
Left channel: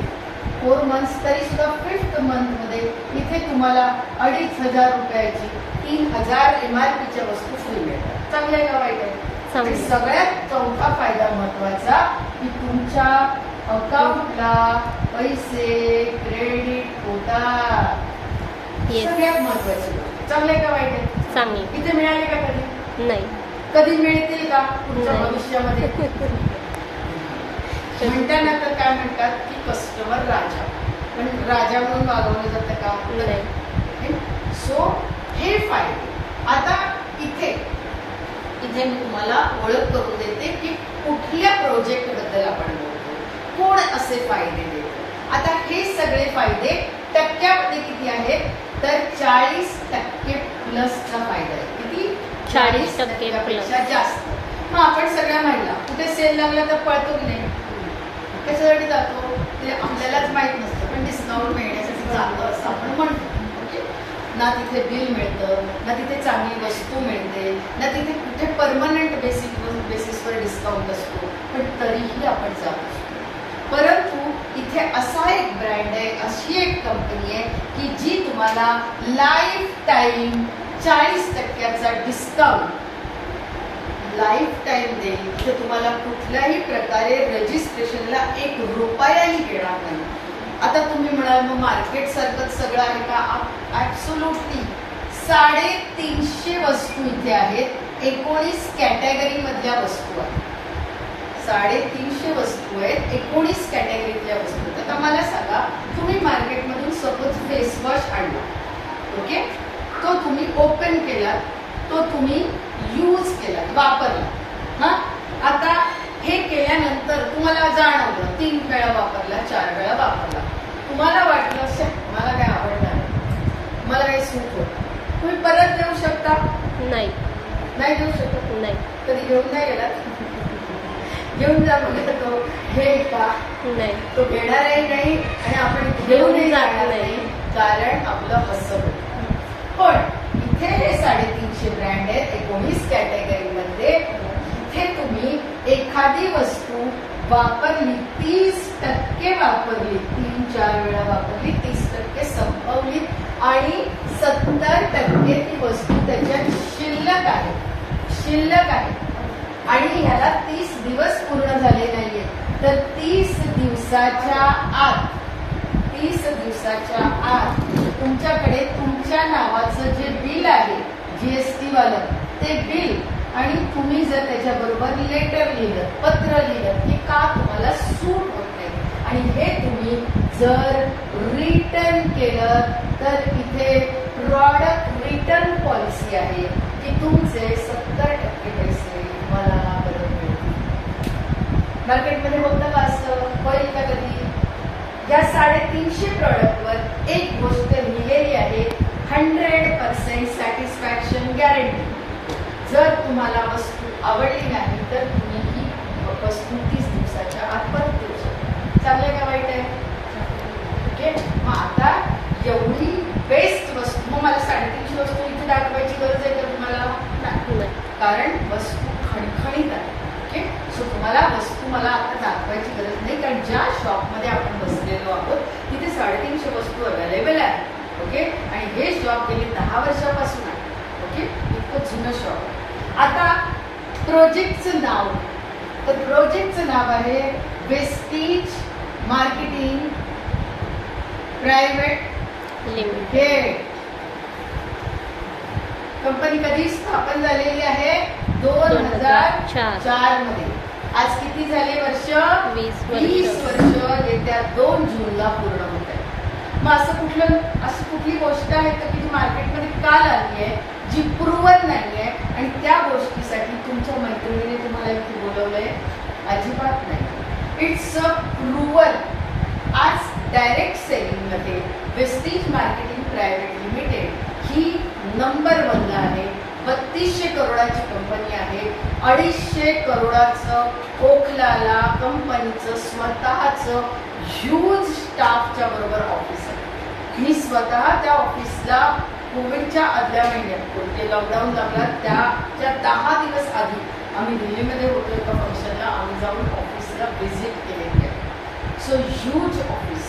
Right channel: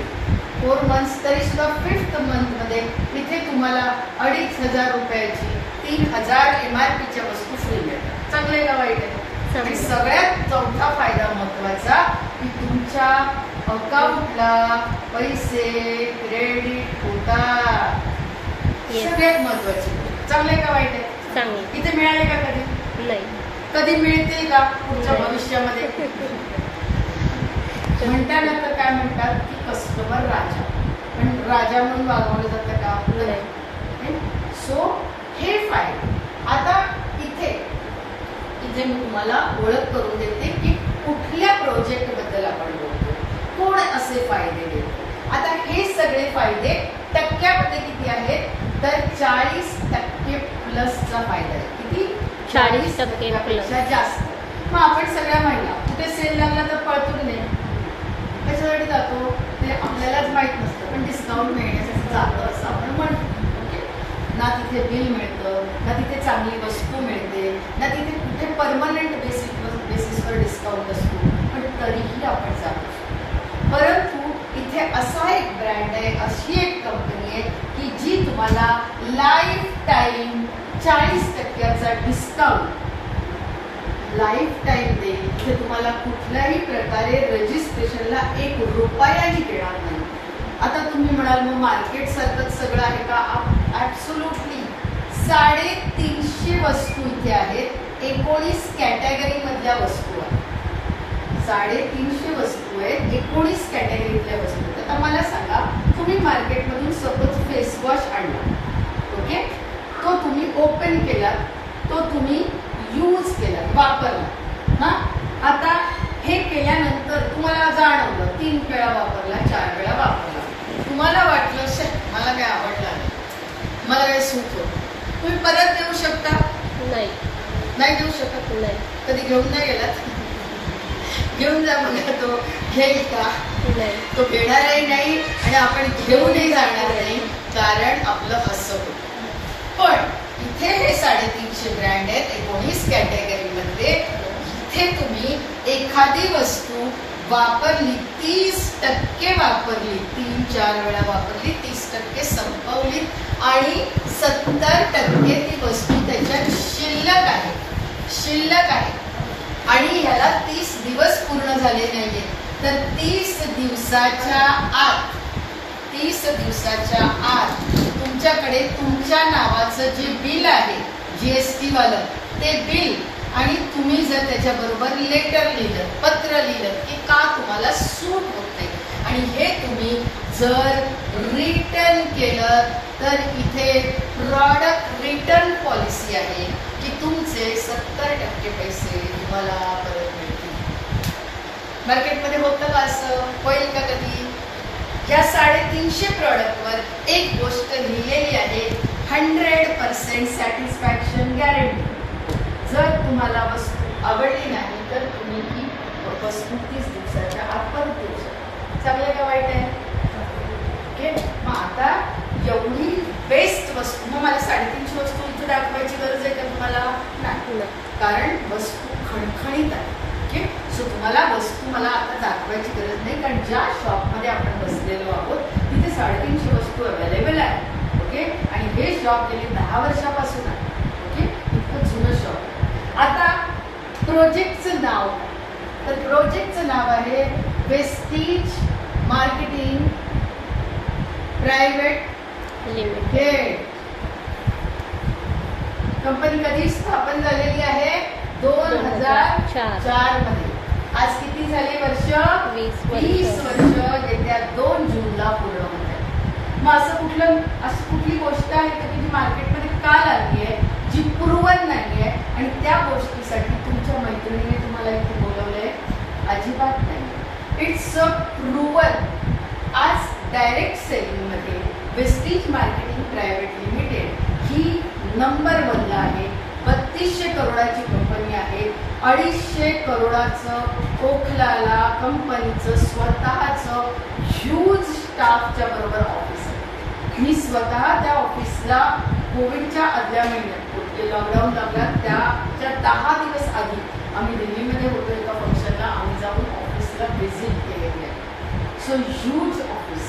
4 मंथ्स, तरी सुद्धा 5th मंथ मध्ये इथे तुम्हाला 2,500 रुपयाची 3,000 MRPच्या वस्तू फ्री मिळतात. चांगलं आहे का वाईट आहे? आणि सगळ्यात चौथा फायदा महत्वाचा की तुमच्या अकाउंटला पैसे क्रेडिट होतात. सगळ्यात महत्वाची. चांगलं आहे का वाईट आहे? चांगलं. इथे मिळाले का कधी? नाही. कधी मिळतील का पुढच्या भविष्यामध्ये? म्हणताना तर काय म्हणतात की कस्टमर राजा, पण राजा म्हणून वागवलं जातं का? नाही. सो हे फायदे. आता इथे मी तुम्हाला ओळख करून देते की कुठल्या प्रोजेक्ट बद्दल आपण बोलतो, कोण असे फायदे देतो. आता हे सगळे फायदे टक्क्यामध्ये किती आहेत? तर 40% प्लसचा फायदा आहे. किती? 40% प्लस जास्त. मग आपण सगळ्या महिला कुठे सेल लागला तर पळतो की नाही? त्याच्यासाठी जातो, ते आपल्यालाच माहित नसतं, पण डिस्काउंट मिळण्यासाठी जातं असं आपण म्हणतो. ना तिथे बिल मिळतं, ना तिथे चांगली वस्तू मिळते, ना तिथे कुठे परमनंट बेसिसवर डिस्काउंट असतो, पण तरीही आपण जातो. परंतु इथे असा एक ब्रँड आहे, अशी एक कंपनी आहे की जी तुम्हाला लाईफ टाईम 40%चा डिस्काउंट लाईफ टाईम देईल. इथे तुम्हाला कुठल्याही प्रकारे रजिस्ट्रेशनला 1 रुपयाही घेणार नाही. आता तुम्ही म्हणाल मग मार्केट सारखंच सगळं आहे का? ऍब्सोल्युटली. 350 वस्तू इथे आहेत. 19 कॅटेगरी मधल्या वस्तू आहेत. 350 वस्तू आहेत, 19 कॅटेगरीतल्या वस्तू. आता मला सांगा, तुम्ही मार्केटमधून सपोज फेस वॉश आणला, ओके, तो तुम्ही ओपन केला, तो तुम्ही यूज केला, वापरला. हा, आता हे केल्यानंतर तुम्हाला जाणवलं 3 वेळा वापरला, 4 वेळा वापरला, तुम्हाला वाटलं मला काय आवडलं नाही, मला काय सूट होत, तुम्ही परत देऊ शकता? नाही. नाही देऊ शकत. नाही. कधी घेऊन नाही गेलात? घेऊन जा म्हणजे तो घेईल का? नाही. तो घेणारही नाही आणि आपण घेऊनही जाणार नाही, कारण आपलं असं होतं. पण इथे हे 350 ब्रँड आहेत 19 कॅटेगरीमध्ये. इथे तुम्ही एखादी वस्तू वापरली, 30% वापरली, 3-4 वेळा वापरली, 30% संपवली आणि 70% ती वस्तू त्याच्यात शिल्लक आहे. आणि ह्याला 30 दिवस पूर्ण झाले नाहीये, तर 30 दिवसाच्या आत तुमच्याकडे तुमच्या नावाचं जे बिल आहे GST वालं, ते बिल, आणि तुम्ही जर त्याच्याबरोबर लेटर लिहिलं, पत्र लिहिलं की का तुम्हाला सूट होत नाही, आणि हे तुम्ही जर रिटर्न केलं तर इथे प्रॉडक्ट रिटर्न पॉलिसी आहे की तुमचे 70% पैसे तुम्हाला परत मिळतील. मार्केटमध्ये होतं का असं? होईल का कधी? या 350 प्रॉडक्टवर एक गोष्ट लिहिलेली आहे, 100% सॅटिस्फॅक्शन गॅरंटी. जर तुम्हाला वस्तू आवडली नाही तर तुम्ही ही वस्तू 30 दिवसाच्या आत परत देऊ शकता. चांगलं का वाईट आहे? ओके. मग आता एवढी बेस्ट वस्तू, मग मला 350 वस्तू इथे दाखवायची गरज आहे का तुम्हाला? नाही, कारण वस्तू खणखणीत आहे. ओके. सो तुम्हाला वस्तू मला आता दाखवायची गरज नाही, कारण ज्या शॉपमध्ये आपण बसलेलो आहोत तिथे 350 वस्तू अवेलेबल आहे. ओके. आणि हे शॉप गेली 10 वर्षापासून आहे. ओके. इतकं जुनं शॉप आहे. आता प्रोजेक्टचं नाव, तर प्रोजेक्टचं नाव आहे Vestige marketing private limited. Company कधी स्थापन झालेली आहे? 2004 मध्ये. आज किती झाले वर्ष? 20 वर्ष येत्या 2 जूनला पूर्ण होत आहे. मग असं कुठली गोष्ट आहे का की जी मार्केटमध्ये का लागली आहे, जी प्रूव्हन नाही आहे, आणि त्या गोष्टीसाठी तुमच्या मैत्रिणीने तुम्हाला इथे बोलवलंय? अजिबात नाही. It's a proven. आज डायरेक्ट सेलिंग मध्ये वेस्टीज मार्केटिंग प्रायव्हेट लिमिटेड ही नंबर 1 आहे. 3200 करोडाची कंपनी आहे. 250 करोडाचं ओखलाला कंपनीचं स्वतःचं ह्यूज स्टाफच्या बरोबर ऑफिस आहे. मी स्वतः त्या ऑफिसला कोविडच्या आदल्या महिन्यात, ते लॉकडाऊन लागला त्याच्या 10 दिवस आधी आम्ही दिल्लीमध्ये होतो एका फंक्शनला, आम्ही जाऊन ऑफिसला व्हिजिट केलेली आहे. सो ह्यूज ऑफिस,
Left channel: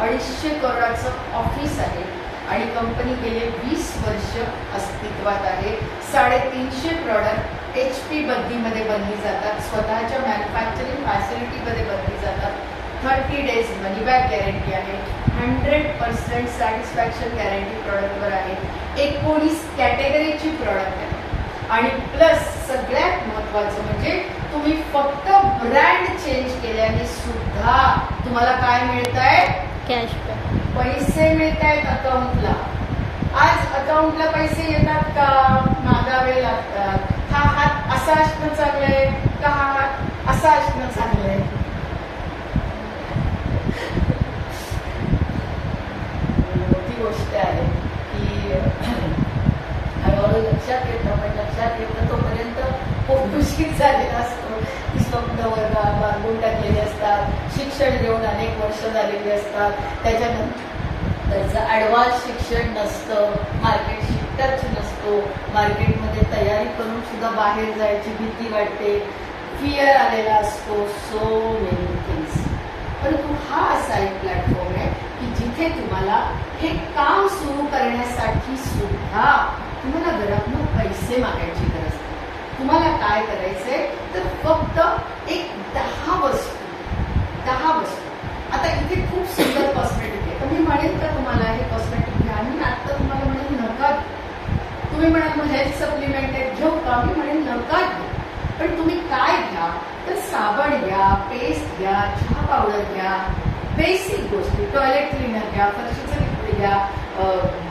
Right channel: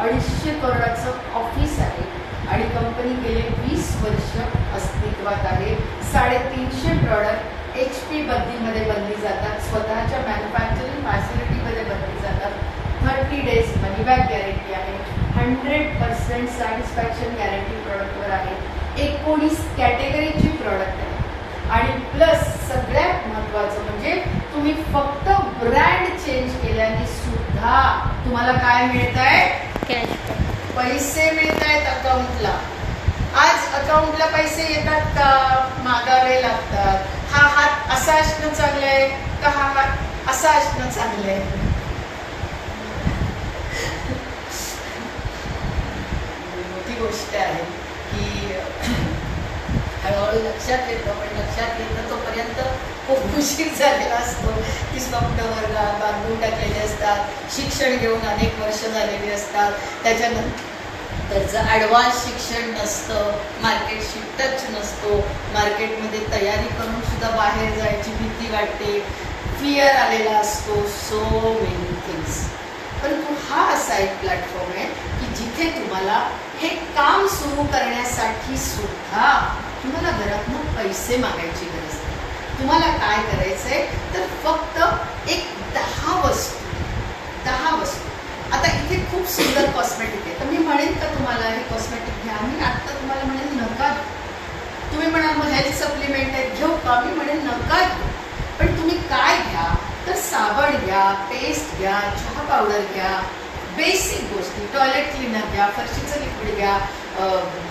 250 करोडाचं ऑफिस आहे आणि कंपनी गेले 20 वर्ष अस्तित्वात आहे. 350 प्रॉडक्ट HP बद्दीमध्ये बनली जातात, स्वतःच्या मॅन्युफॅक्चरिंग फॅसिलिटीमध्ये बनली जातात. 30 डेज मनी बॅक गॅरंटी आहे. 100% सॅटिस्फॅक्शन गॅरंटी प्रॉडक्टवर आहे. 19 कॅटेगरीची प्रॉडक्ट आहे. आणि प्लस सगळ्यात महत्वाचं म्हणजे तुम्ही फक्त ब्रँड चेंज केल्याने सुद्धा तुम्हाला काय मिळत आहे? कॅशबॅक. पैसे मिळत आहेत अकाउंटला. आज अकाउंटला पैसे येतात का? मागावे लागतात. हा हात असा असणं चांगलंय का हा हात असा असणं चांगलंय? मोठी गोष्ट आहे की हळूहळू लक्षात येतं, पण लक्षात येतं तोपर्यंत खूप उशीर झालेला असतो. ती स्वप्न वर्गात बांधून टाकलेली असतात. शिक्षण घेऊन अनेक वर्ष झालेली असतात. त्याच्यानंतर त्याचं ॲडव्हान्स शिक्षण नसतं, मार्केटशी टच नसतो, मार्केटमध्ये तयारी करून सुद्धा बाहेर जायची भीती वाटते, फिअर आलेला असतो. So many things. परंतु हा असा एक प्लॅटफॉर्म आहे की जिथे तुम्हाला हे काम सुरू करण्यासाठी सुद्धा तुम्हाला घरातून पैसे मागायची गरज नाही. तुम्हाला काय करायचंय तर फक्त एक 10 वस्तू. आता इथे खूप सुंदर कॉस्मेटिक आहे, तर मी म्हणेन का तुम्हाला हे कॉस्मेटिक घ्या? मी आता तुम्हाला म्हणेन नका. तुम्ही म्हणाल मग हेल्थ सप्लिमेंट आहेत घेऊ का? मी म्हणेन नका घेऊ. पण तुम्ही काय घ्या तर साबण घ्या, पेस्ट घ्या, चहा पावडर घ्या, बेसिक गोष्टी, टॉयलेट क्लीनर घ्या, फरशीचं लिक्विड घ्या,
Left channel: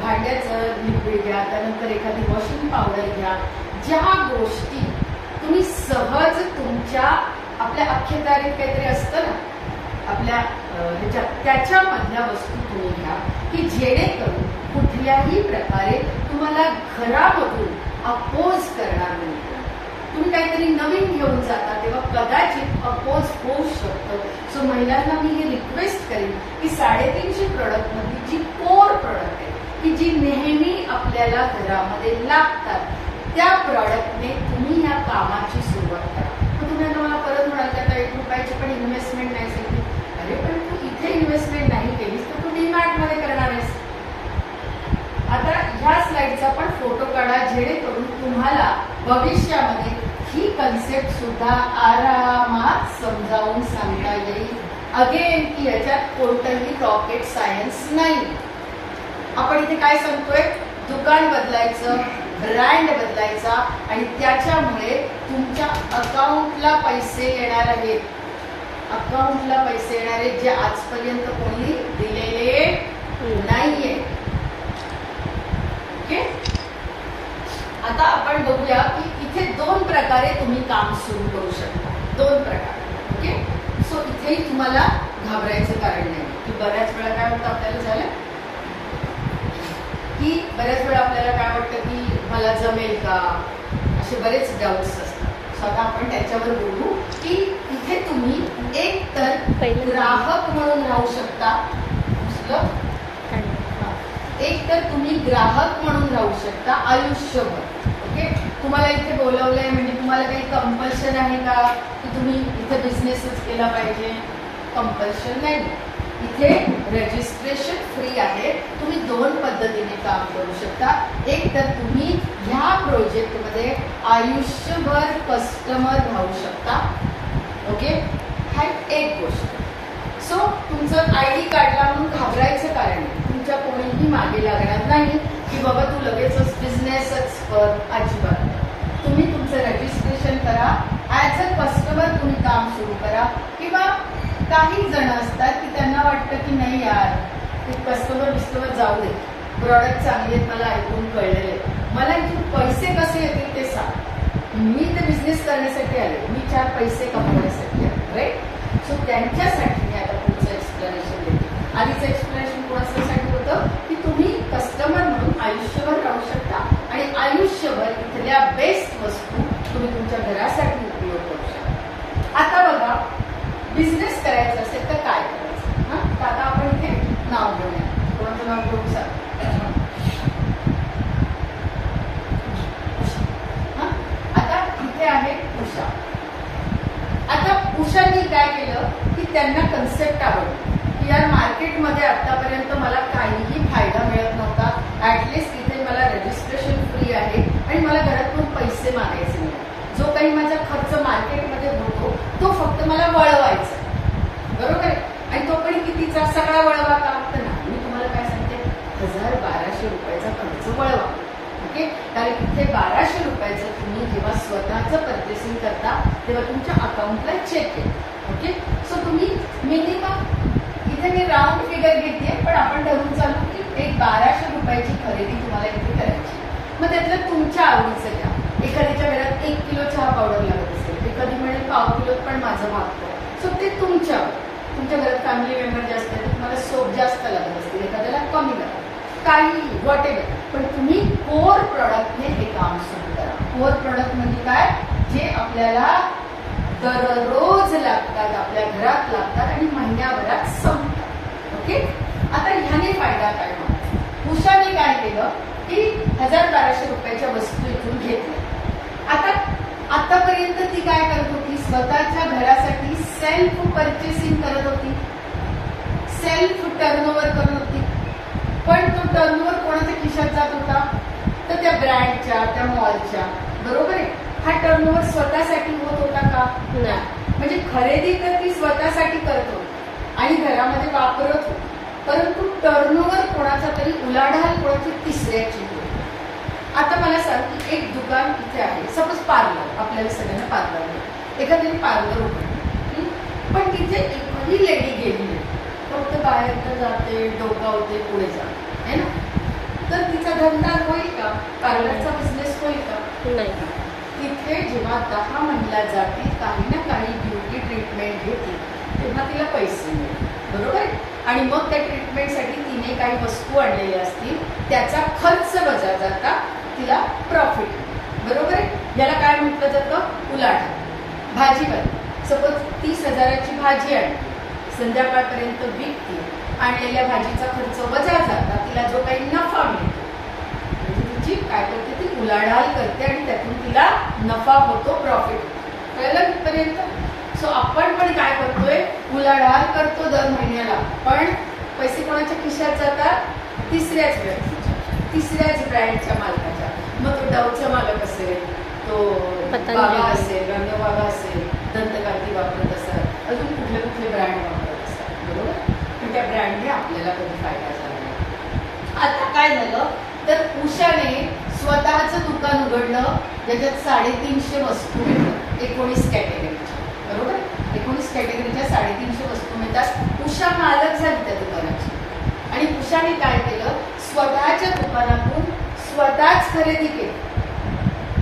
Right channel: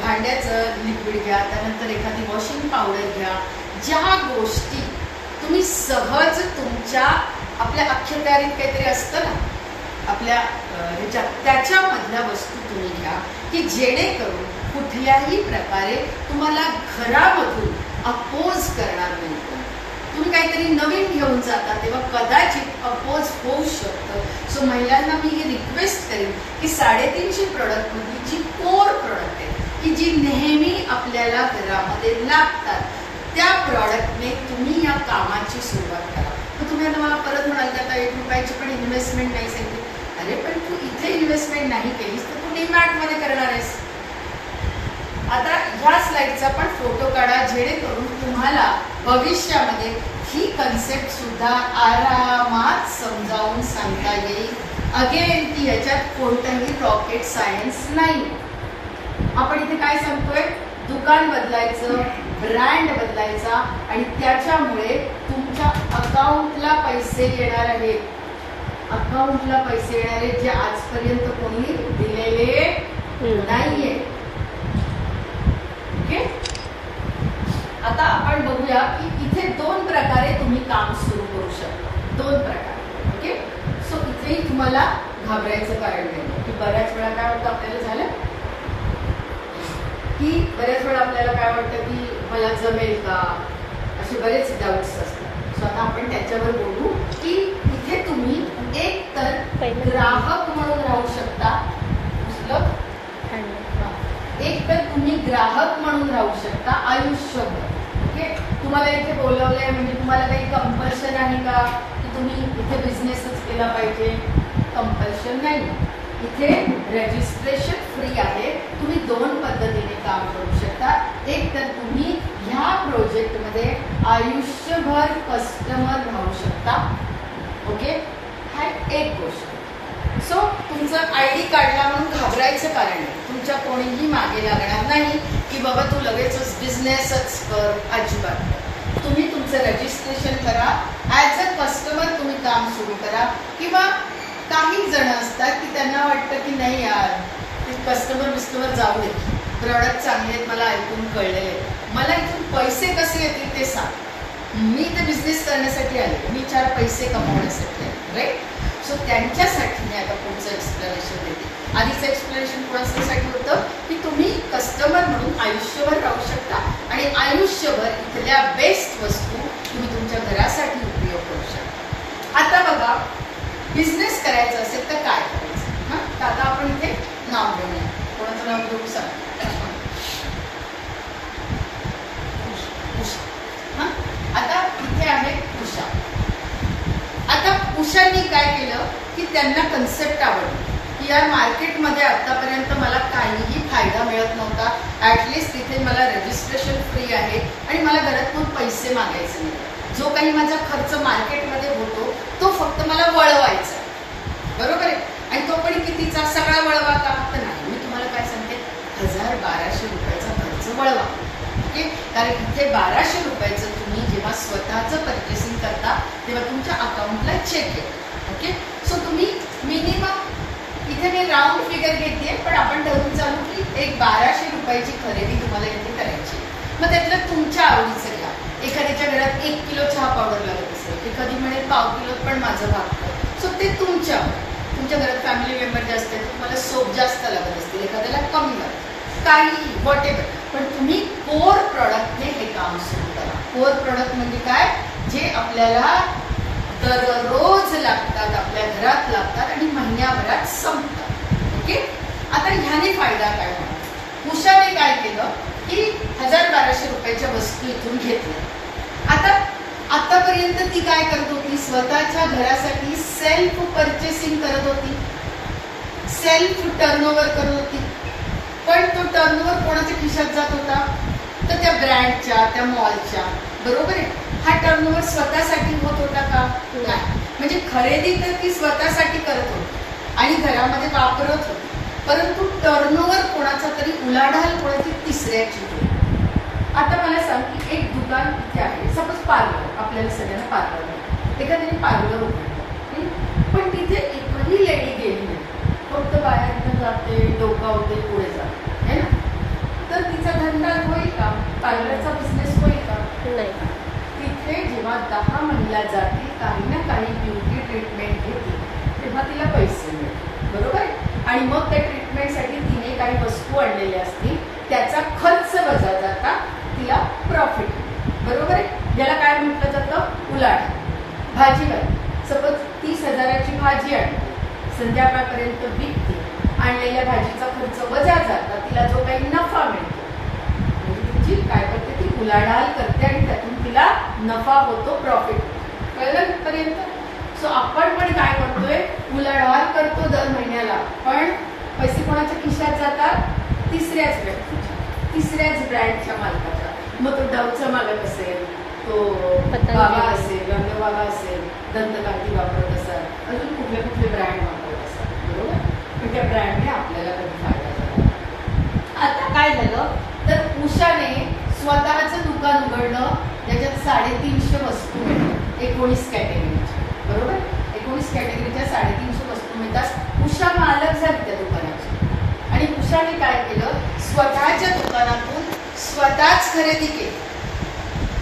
भांड्याचं लिक्विड घ्या, त्यानंतर एखादी वॉशिंग पावडर घ्या. ज्या गोष्टी तुम्ही सहज तुमच्या आपल्या अख्ख्याकारीत काहीतरी असतं ना आपल्या ह्याच्यात, त्याच्यामधल्या वस्तू तुम्ही घ्या की जेणेकरून कुठल्याही प्रकारे तुम्हाला घरामधून अपोज करणार नाही. तुम्ही काहीतरी नवीन घेऊन जाता तेव्हा कदाचित अपोज होऊ शकतं. सो महिलांना मी हे रिक्वेस्ट करेन की 350 प्रॉडक्टमधली जी कोर प्रॉडक्ट आहे की जी नेहमी आपल्याला घरामध्ये लागतात, त्या प्रॉडक्टने तुम्ही या कामाची सुरुवात करा. तर तुम्ही मला परत म्हणाल का 1 रुपयाची पण इन्व्हेस्टमेंट नाही सांगितली. अरे पण तू इथे इन्व्हेस्टमेंट नाही केलीस तर तू डीमार्टमध्ये करणार आहेस. आता ह्या स्लाइडचा पण फोटो काढा जेणेकरून तुम्हाला भविष्यामध्ये ही कन्सेप्ट सुद्धा आरामात समजावून सांगता येईल. अगेन की याच्यात कोणतंही रॉकेट सायन्स नाही. आपण इथे काय सांगतोय? दुकान बदलायचं, ब्रँड बदलायचा आणि त्याच्यामुळे तुमच्या अकाउंटला पैसे येणार आहेत. अकाउंटला पैसे येणारे जे आजपर्यंत कोणी दिलेले नाहीये. ओके. आता आपण बघूया की इथे 2 प्रकारे तुम्ही काम सुरू करू शकता. 2 प्रकार. ओके. सो इथेही तुम्हाला घाबरायचं कारण नाही की बऱ्याच वेळा काय होतं आपल्याला झालं की बऱ्याच वेळा आपल्याला काय वाटतं की मला जमेल का, असे बरेच डाऊट्स असतात. सो आता आपण त्याच्यावर बोलू की इथे तुम्ही एक तर ग्राहक म्हणून राहू शकता, एक तर तुम्ही ग्राहक म्हणून राहू शकता आयुष्यभर. ओके, तुम्हाला इथे बोलवलंय म्हणजे तुम्हाला काही कंपल्शन आहे का की तुम्ही इथे बिझनेसच केला पाहिजे? कंपल्शन नाही. इथे रजिस्ट्रेशन फ्री आहे. तुम्ही 2 पद्धतीने काम करू शकता. एक तर तुम्ही ह्या प्रोजेक्टमध्ये आयुष्यभर कस्टमर राहू शकता. ओके, हा एक गोष्ट. सो तुमचं ID काढला म्हणून घाबरायचं कारण नाही. तुमच्या कोणीही मागे लागणार नाही की बाबा तू लगेचच बिझनेसच कर. अजिबात. तुम्ही तुमचं रजिस्ट्रेशन करा. ॲज अ कस्टमर तुम्ही काम सुरू करा. किंवा काही जण असतात की त्यांना वाटतं की नाही यार ते कस्टमर जाऊ दे, प्रॉडक्ट चांगले आहेत, मला ऐकून कळलेले, मला इथून पैसे कसे येतील ते सांग. मी ते बिझनेस करण्यासाठी आले, मी 4 पैसे कमवण्यासाठी आले. राईट. सो त्यांच्यासाठी मी आता पुढचं एक्सप्लेनेशन देते. आधीचं एक्सप्लेनेशन कोणासाठी होतं की तुम्ही कस्टमर म्हणून आयुष्यभर राहू शकता आणि आयुष्यभर इथल्या बेस्ट वस्तू तुम्ही तुमच्या घरासाठी उपयोग करू शकता. आता बघा, बिझनेस करायचं असेल तर काय करायचं? हां, तर आता आपण इथे नाव घेऊया. कोणाचं नाव घेऊ सांग? हां, आता इथे आहे उषा. आता उषाने काय केलं की त्यांना कन्सेप्ट आवडली की या मार्केटमध्ये आतापर्यंत मला काहीही फायदा मिळत नव्हता. ॲटलिस्ट इथे मला रजिस्ट्रेशन फ्री आहे आणि मला घरातून पैसे मागायचे नाही. जो काही माझा खर्च मार्केटमध्ये होतो तो फक्त मला वळवायचा. बरोबर आहे. आणि तो पण कितीचा? सगळा वळवा का? तर नाही. मी तुम्हाला काय सांगते, 1000-1200 रुपयाचा खर्च वळवा. ओके, कारण इथे 1200 रुपयाचं तुम्ही जेव्हा स्वतःचं परचेसिंग करता तेव्हा तुमच्या अकाउंटला चेक येतो. ओके, सो तुम्ही मिनिमम इथे मी राऊंड फिगर घेते पण आपण ठरवून चालू की एक 1200 रुपयाची खरेदी तुम्हाला इथे करायची. मग त्यातलं तुमच्या आवडीचं घ्या. एखाद्याच्या घरात 1 किलो चहा पावडर लागत असेल, एखादी म्हणेल पाव किलो पण माझं भागतं. सो ते तुमच्यावर. तुमच्या घरात फॅमिली मेंबर जास्त आहेत, तुम्हाला सोप जास्त लागत असतील, एखाद्याला कमी लागतं, काही व्हॉट एव्हर. पण तुम्ही कोर प्रॉडक्टने हे काम सुरू करा. कोर प्रॉडक्ट म्हणजे काय? जे आपल्याला दररोज लागतात, आपल्या घरात लागतात आणि महिन्याभरात संपतात. ओके, आता ह्याने फायदा काय होणार? उषाने काय केलं की 1000-1200 रुपयाच्या वस्तू इथून घेतल्या. आता आतापर्यंत ती काय करत होती? स्वतःच्या घरासाठी सेल्फ परचेसिंग करत होती, सेल्फ टर्नओव्हर करत होती. पण तो टर्नओव्हर कोणाच्या खिशात जात होता? तर त्या ब्रँडच्या, त्या मॉलच्या. बरोबर आहे. हा टर्नओव्हर स्वतःसाठी होत होता का? नाही. म्हणजे खरेदी तर ती स्वतःसाठी करत होती आणि घरामध्ये वापरत होती, परंतु टर्नओव्हर कोणाचा तरी उलाढाल कोणाची तिसऱ्याची होती. आता मला सांग की एक दुकान इथे आहे, सपोज पार्लर. आपल्याला सगळ्यांना पार्लर आहे. एखाद्याने पार्लर उघडलं पण तिथे एकही लेडी गेली नाही, फक्त बाहेर जाते, डोकावते, पुढे जाते, है ना? तर तिचा धंदा होईल का? पार्लरचा बिझनेस होईल का? नाही. तिथे जेव्हा 10 महिला जातील, काही ना काही ब्युटी ट्रीटमेंट घेतील, तेव्हा तिला पैसे मिळतील. बरोबर आहे. आणि मग त्या ट्रीटमेंटसाठी तिने काही वस्तू आणलेल्या असतील, त्याचा खर्च वजा जाता तिला प्रॉफिट. बरोबर आहे. याला काय म्हटलं जातं? उलाढाल. भाजीवाली सपोज 30,000ची भाजी आणली, संध्याकाळपर्यंत विकते, आणलेल्या भाजीचा खर्च वजा जाता तिला जो काही नफा मिळतो, म्हणजे काय करते ती? उलाढाल करते आणि त्यातून तिला नफा होतो, प्रॉफिट. कळलं इथपर्यंत? सो आपण पण काय करतोय? उलाढाल करतो दर महिन्याला, पण पैसे कोणाच्या खिशात जातात? तिसऱ्याच व्यक्तीच्या, तिसऱ्याच ब्रँडच्या मालकाच्या. मग तो डवचा मालक असेल, तो बाबा असेल, बाबा असेल, दंतकांती वापरत असतात, अजून कुठले कुठले ब्रँड वापरत असतात. बरोबर. पण त्या ब्रँडने आपल्याला कधी फायदा झाला. आता काय झालं तर उषाने स्वतःचं दुकान उघडलं, ज्याच्यात 350 वस्तू मिळतात, 19 कॅटेगरीच्या. बरोबर. 19 कॅटेगरीच्या 350 वस्तू मिळतात. उषा मालक झाली त्या दुकानाची आणि उषाने काय केलं? स्वतःच्या दुकानातून स्वतःच खरेदी केली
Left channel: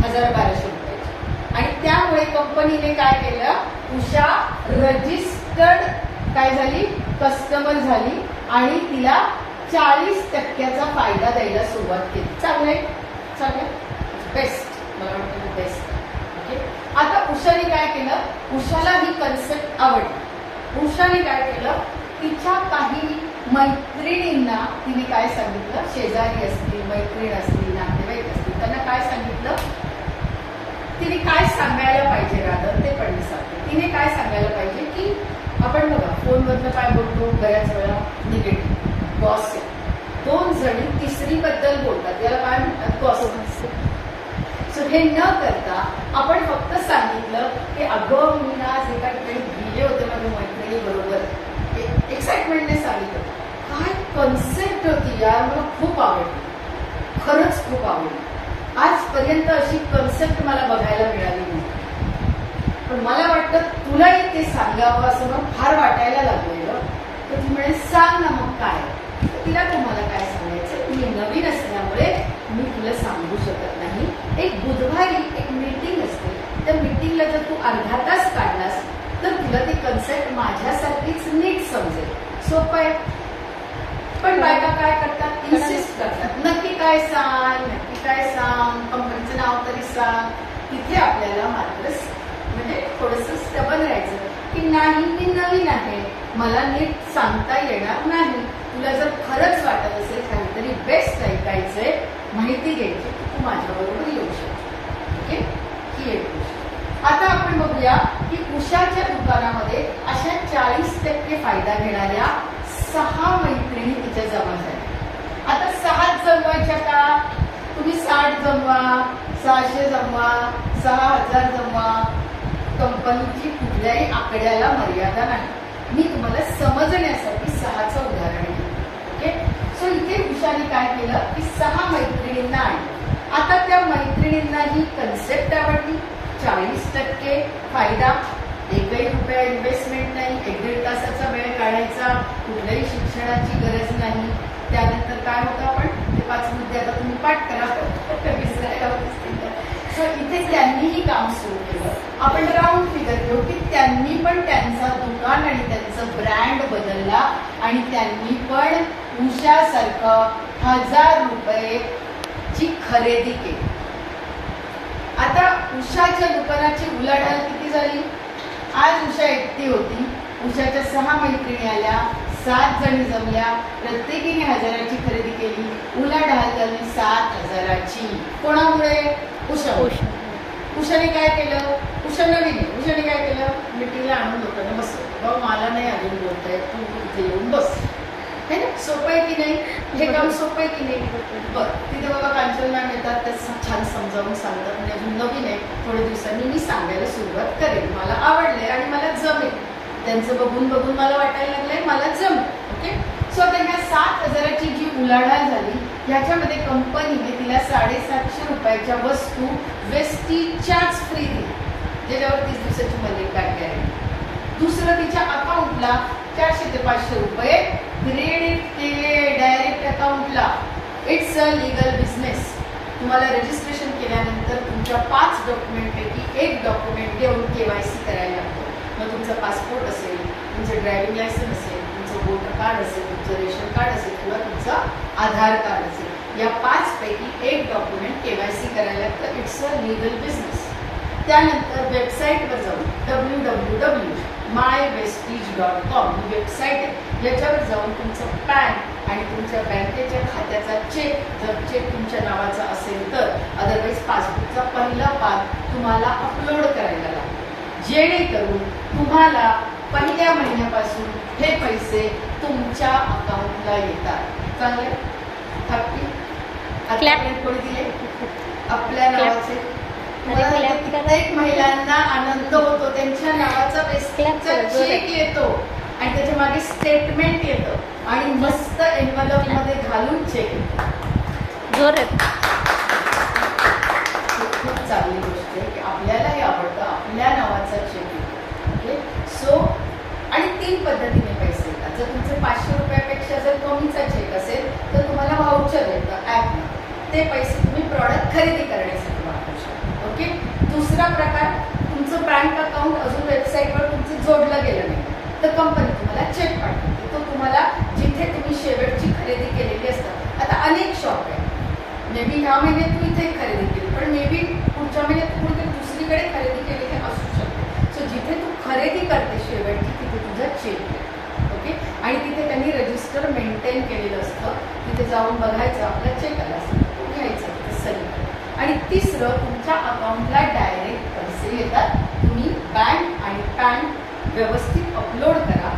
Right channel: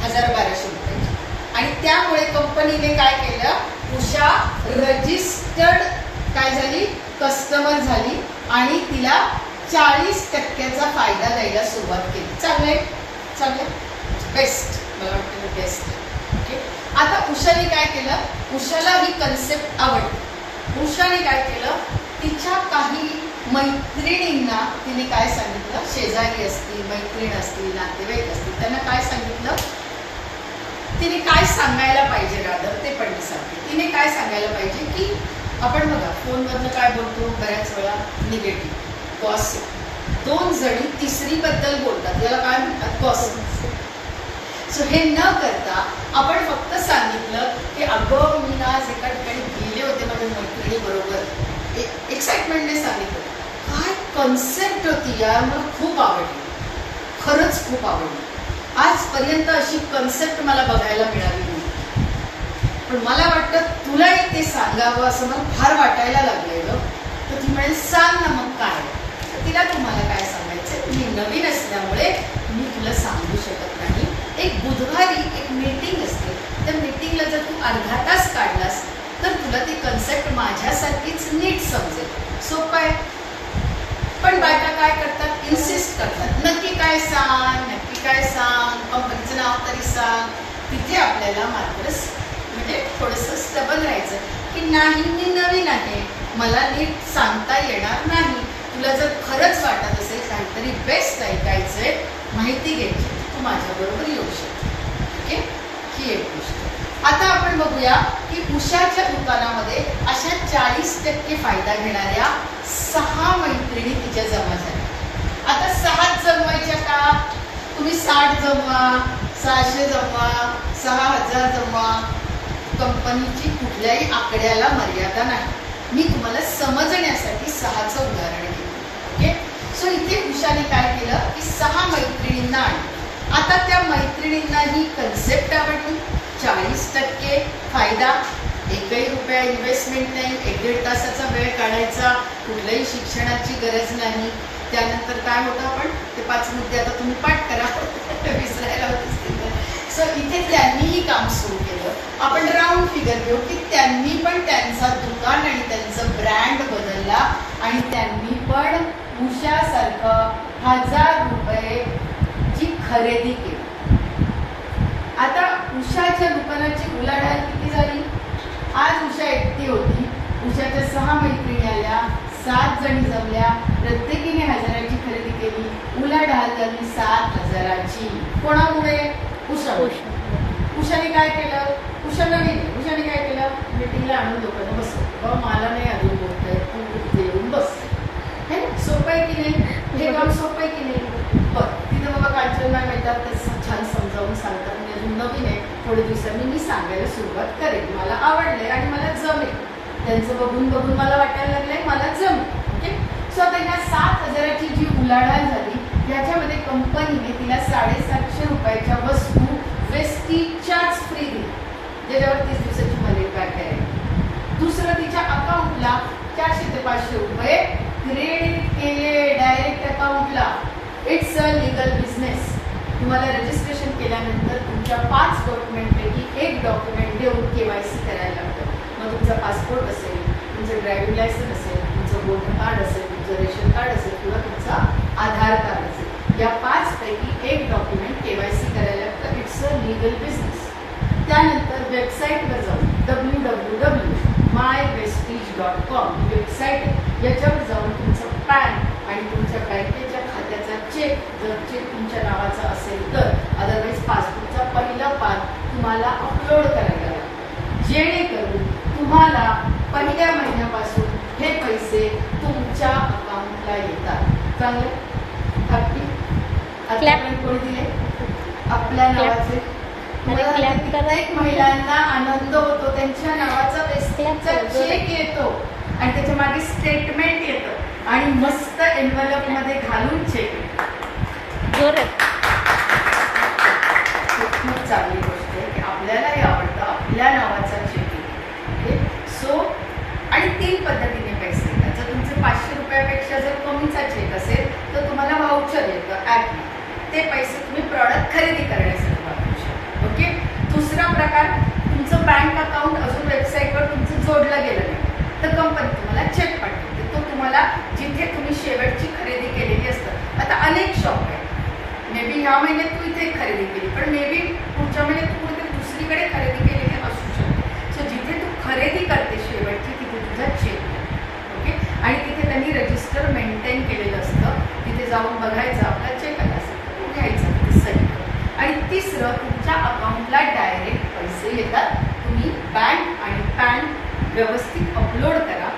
1000-1200 रुपयाची. आणि त्यामुळे कंपनीने काय केलं? उषा रजिस्टर्ड काय झाली? कस्टमर झाली आणि तिला 40% फायदा द्यायला सुरुवात केली. चांगलंय, चांगलं, बेस्ट. मला वाटतं बेस्ट आहे. ओके, आता उषाने काय केलं, उषाला ही कन्सेप्ट आवडली. उषाने काय केलं, तिच्या काही मैत्रिणींना तिने काय सांगितलं, शेजारी असतील, मैत्रीण असतील, नातेवाईक असतील, त्यांना काय सांगितलं, तिने काय सांगायला पाहिजे रादर ते पण मी सांगते. तिने काय सांगायला पाहिजे की आपण बघा फोनमधनं काय बोलतो बऱ्याच वेळा निगेटिव्ह गॉसिप, 2 जणी तिसरीबद्दल बोलतात, याला काय म्हणतात गॉसिप. सो हे न करता आपण फक्त सांगितलं की अगं मी ना आज एका ठिकाणी गेले होते माझ्या मैत्रिणीबरोबर, एक्साइटमेंटने सांगितलं. काय कन्सेप्ट होती यार, मला खूप आवडली, खरंच खूप आवडली. आजपर्यंत अशी कन्सेप्ट मला बघायला मिळाली नाही, पण मला वाटतं तुलाही ते सांगावं असं मग फार वाटायला लागलेलं. तर ती म्हणेल सांग ना मग काय. तर तिला तुम्हाला काय सांगायचं, मी नवीन असल्यामुळे मी तुला सांगू शकत नाही. एक बुधवारी एक मीटिंग असते, त्या मीटिंगला जर तू अर्धा तास काढलास तर तुला ती कन्सेप्ट माझ्यासारखीच नीट समजेल. सोपं आहे. पण बायका काय करतात, इन्सिस्ट करतात, नक्की काय सांग, नक्की काय सांग, कंपनीचं नाव तरी सांग. तिथे आपल्याला मात्र म्हणजे थोडंसं स्टबन राहायचं की नाही मी नवीन आहे, मला नीट सांगता येणार नाही. तुला जर खरंच वाटत असेल काहीतरी बेस्ट ऐकायचंय, माहिती घ्यायची, तू माझ्याबरोबर येऊ शकते. ओके, ही एक गोष्ट. आता आपण बघूया की उषाच्या दुकानामध्ये अशा 40% फायदा घेणाऱ्या 6 मैत्रिणी तिच्या जमा झाल्या. आता 6 जमवायच्या का, तुम्ही 60 जमवा, 600 जमवा, 6000 जमवा, कंपनीची कुठल्याही आकड्याला मर्यादा नाही. मी तुम्हाला समजण्यासाठी 6चं उदाहरण घेते. ओके, सो इथे उषाने काय केलं की 6 मैत्रिणींना आणलं. आता त्या मैत्रिणींना ही कन्सेप्ट आवडली, 40% फायदा, एकही रुपया इन्व्हेस्टमेंट नाही, 1-1.5 तासाचा वेळ काढायचा, कुठल्याही शिक्षणाची गरज नाही. त्यानंतर काय होतं, आपण ते 5 मुद्दे आता तुम्ही पाठ करा, विसरायला होतेच. सो इथे त्यांनीही काम सुरू केलं. आपण राऊंड फिगर घेऊ की त्यांनी पण त्यांचं दुकान आणि त्यांचं ब्रँड बदलला आणि त्यांनी पण उषासारखं 1000 रुपयेची खरेदी केली. आता उषाच्या दुकानाची उलाढाल किती झाली. आज उषा एकटी होती, उषाच्या 6 मैत्रिणी आल्या, 7 जणी जमल्या, प्रत्येकीने 1000ची खरेदी केली, उलाढाल झाली 7000ची. कोणामुळे, उषाने काय केलं, उषा नवीन, उषाने काय केलं, मीटिंगला आणून लोकांना बसवलं, बाबा मला नाही अजून बोलताय, तू तिथे येऊन बस. है ना, सोपं आहे की नाही, हे काम सोपं आहे की नाही. बघ तिथे बघा कांचन मॅम येतात, ते छान समजावून सांगतात. म्हणजे अजून नवीन आहे, थोड्या दिवसांनी मी सांगायला सुरुवात करेन, मला आवडलंय आणि मला जमेल, त्यांचं बघून बघून मला वाटायला लागलंय मला जमेल. ओके, सो आता ह्या 7000ची जी उलाढाल झाली, ह्याच्यामध्ये कंपनीने तिला 750 रुपयाच्या वस्तू वेस्टीजच्याच फ्री दिली, ज्याच्यावर 30 दिवसाची मर्यादा काढली आहे. दुसरं, तिच्या अकाउंटला 400 ते 500 रुपये क्रेडिट केले डायरेक्ट अकाउंटला. It's a legal business. तुम्हाला रजिस्ट्रेशन केल्यानंतर तुमच्या 5 डॉक्युमेंटपैकी 1 डॉक्युमेंट घेऊन KYC करायला लागतं. मग तुमचा पासपोर्ट असेल, तुमचं ड्रायव्हिंग लायसन्स असेल, तुमचं वोटर कार्ड असेल, तुमचं रेशन कार्ड असेल किंवा तुमचं आधार कार्ड असेल, या 5 पैकी 1 डॉक्युमेंट KYC करायला लागतं. It's a legal business. त्यानंतर वेबसाईटवर जाऊन www.mywestige.com वेबसाईट आहे, याच्यावर जाऊन तुमचं पॅन आणि तुमच्या बँकेच्या खात्याचा चेक, जर चेक तुमच्या नावाचा असेल तर, अदरवाईज पासबुकचा पहिला पान तुम्हाला अपलोड करायला लागेल, जेणेकरून तुम्हाला पहिल्या महिन्यापासून हे पैसे तुमच्या अकाउंटला येतात. चांगलं, कोणी दिले आपल्या नावाचे. प्रत्येक महिलांना आनंद होतो, त्यांच्या नावाचा पैशाचा चेक येतो आणि त्याच्या मागे स्टेटमेंट येतं आणि मस्त एन्व्हलप मध्ये घालून चेक येतो. खूप चांगली गोष्ट आहे की आपल्यालाही आवडतं आपल्या नावाचा चेक येतो. ओके, सो आणि 3 पद्धतीने पैसे येतात. जर तुमचे 500 रुपयापेक्षा जर कमीचा चेक असेल तर तुम्हाला व्हाउचर येतं ॲपने, ते पैसे तुम्ही प्रॉडक्ट खरेदी करण्यासाठी वापरू शकता. ओके, दुसरा प्रकार, तुमचं बँक अकाउंट अजून वेबसाईटवर तुमचं जोडलं गेलं नाही तर कंपनी तुम्हाला चेक पाठवते, तो तुम्हाला जिथे तुम्ही शेवटची खरेदी केलेली असतात. आता अनेक शॉप आहे, मे बी ह्या महिन्यात तू इथे खरेदी केली, पण मे बी पुढच्या आणि तिसरं, तुमच्या अकाउंटला डायरेक्ट पैसे येतात. तुम्ही बँक आणि पॅन व्यवस्थित अपलोड करा,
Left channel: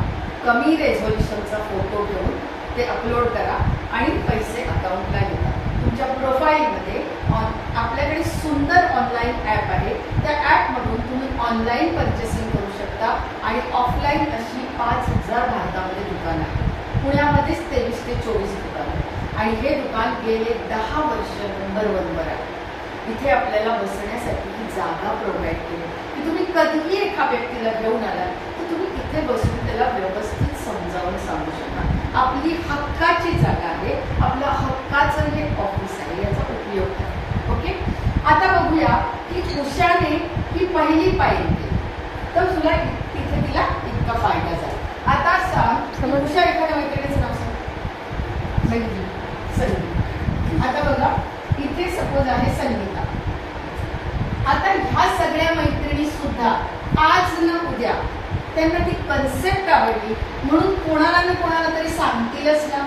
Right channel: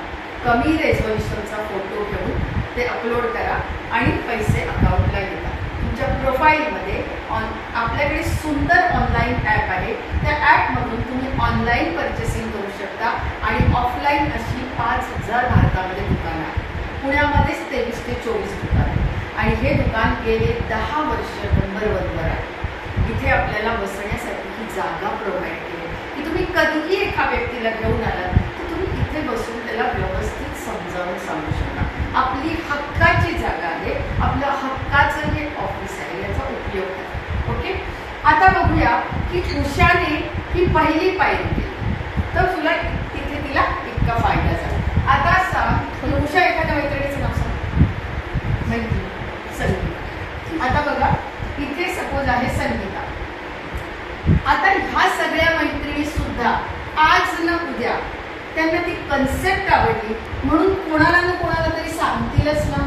कमी रेझोल्युशनचा फोटो घेऊन ते अपलोड करा आणि पैसे अकाउंटला येतात. तुमच्या प्रोफाईलमध्ये आपल्याकडे सुंदर ऑनलाईन ॲप आहे. त्या ॲपमधून तुम्ही ऑनलाईन पर्चेसिंग करू शकता आणि ऑफलाईन अशी 5,000 भारतामध्ये दुकानं आहेत. पुण्यामध्येच 23 ते 24 दुकान आहे आणि हे दुकान गेले 10 वर्ष नंबर 1वर आहे. इथे आपल्याला बसण्यासाठी ही जागा प्रोव्हाइड केली की तुम्ही कधीही एका व्यक्तीला घेऊन आलात तर तुम्ही इथे बसून त्याला व्यवस्थित समजावून सांगू शकता. आपली हक्काची जागा आहे, आपलं हक्काचं हे ऑफिस आहे, याचा उपयोग करा. ओके, आता बघूया की उषाने ही पहिली पायरी केली तर तुला तिथे तिला इतका फायदा झाला. आता सांग, उषा एखाद्या मैत्रिणीचं नाव सांग. संगीता. आता बघा, इथे सपोज आहे संगीता. आता ह्या सगळ्या मैत्रिणी सुद्धा आज ना उद्या त्यांना ती कन्सेप्ट आवडली म्हणून कोणाला ना कोणाला तरी सांगतीलच ना.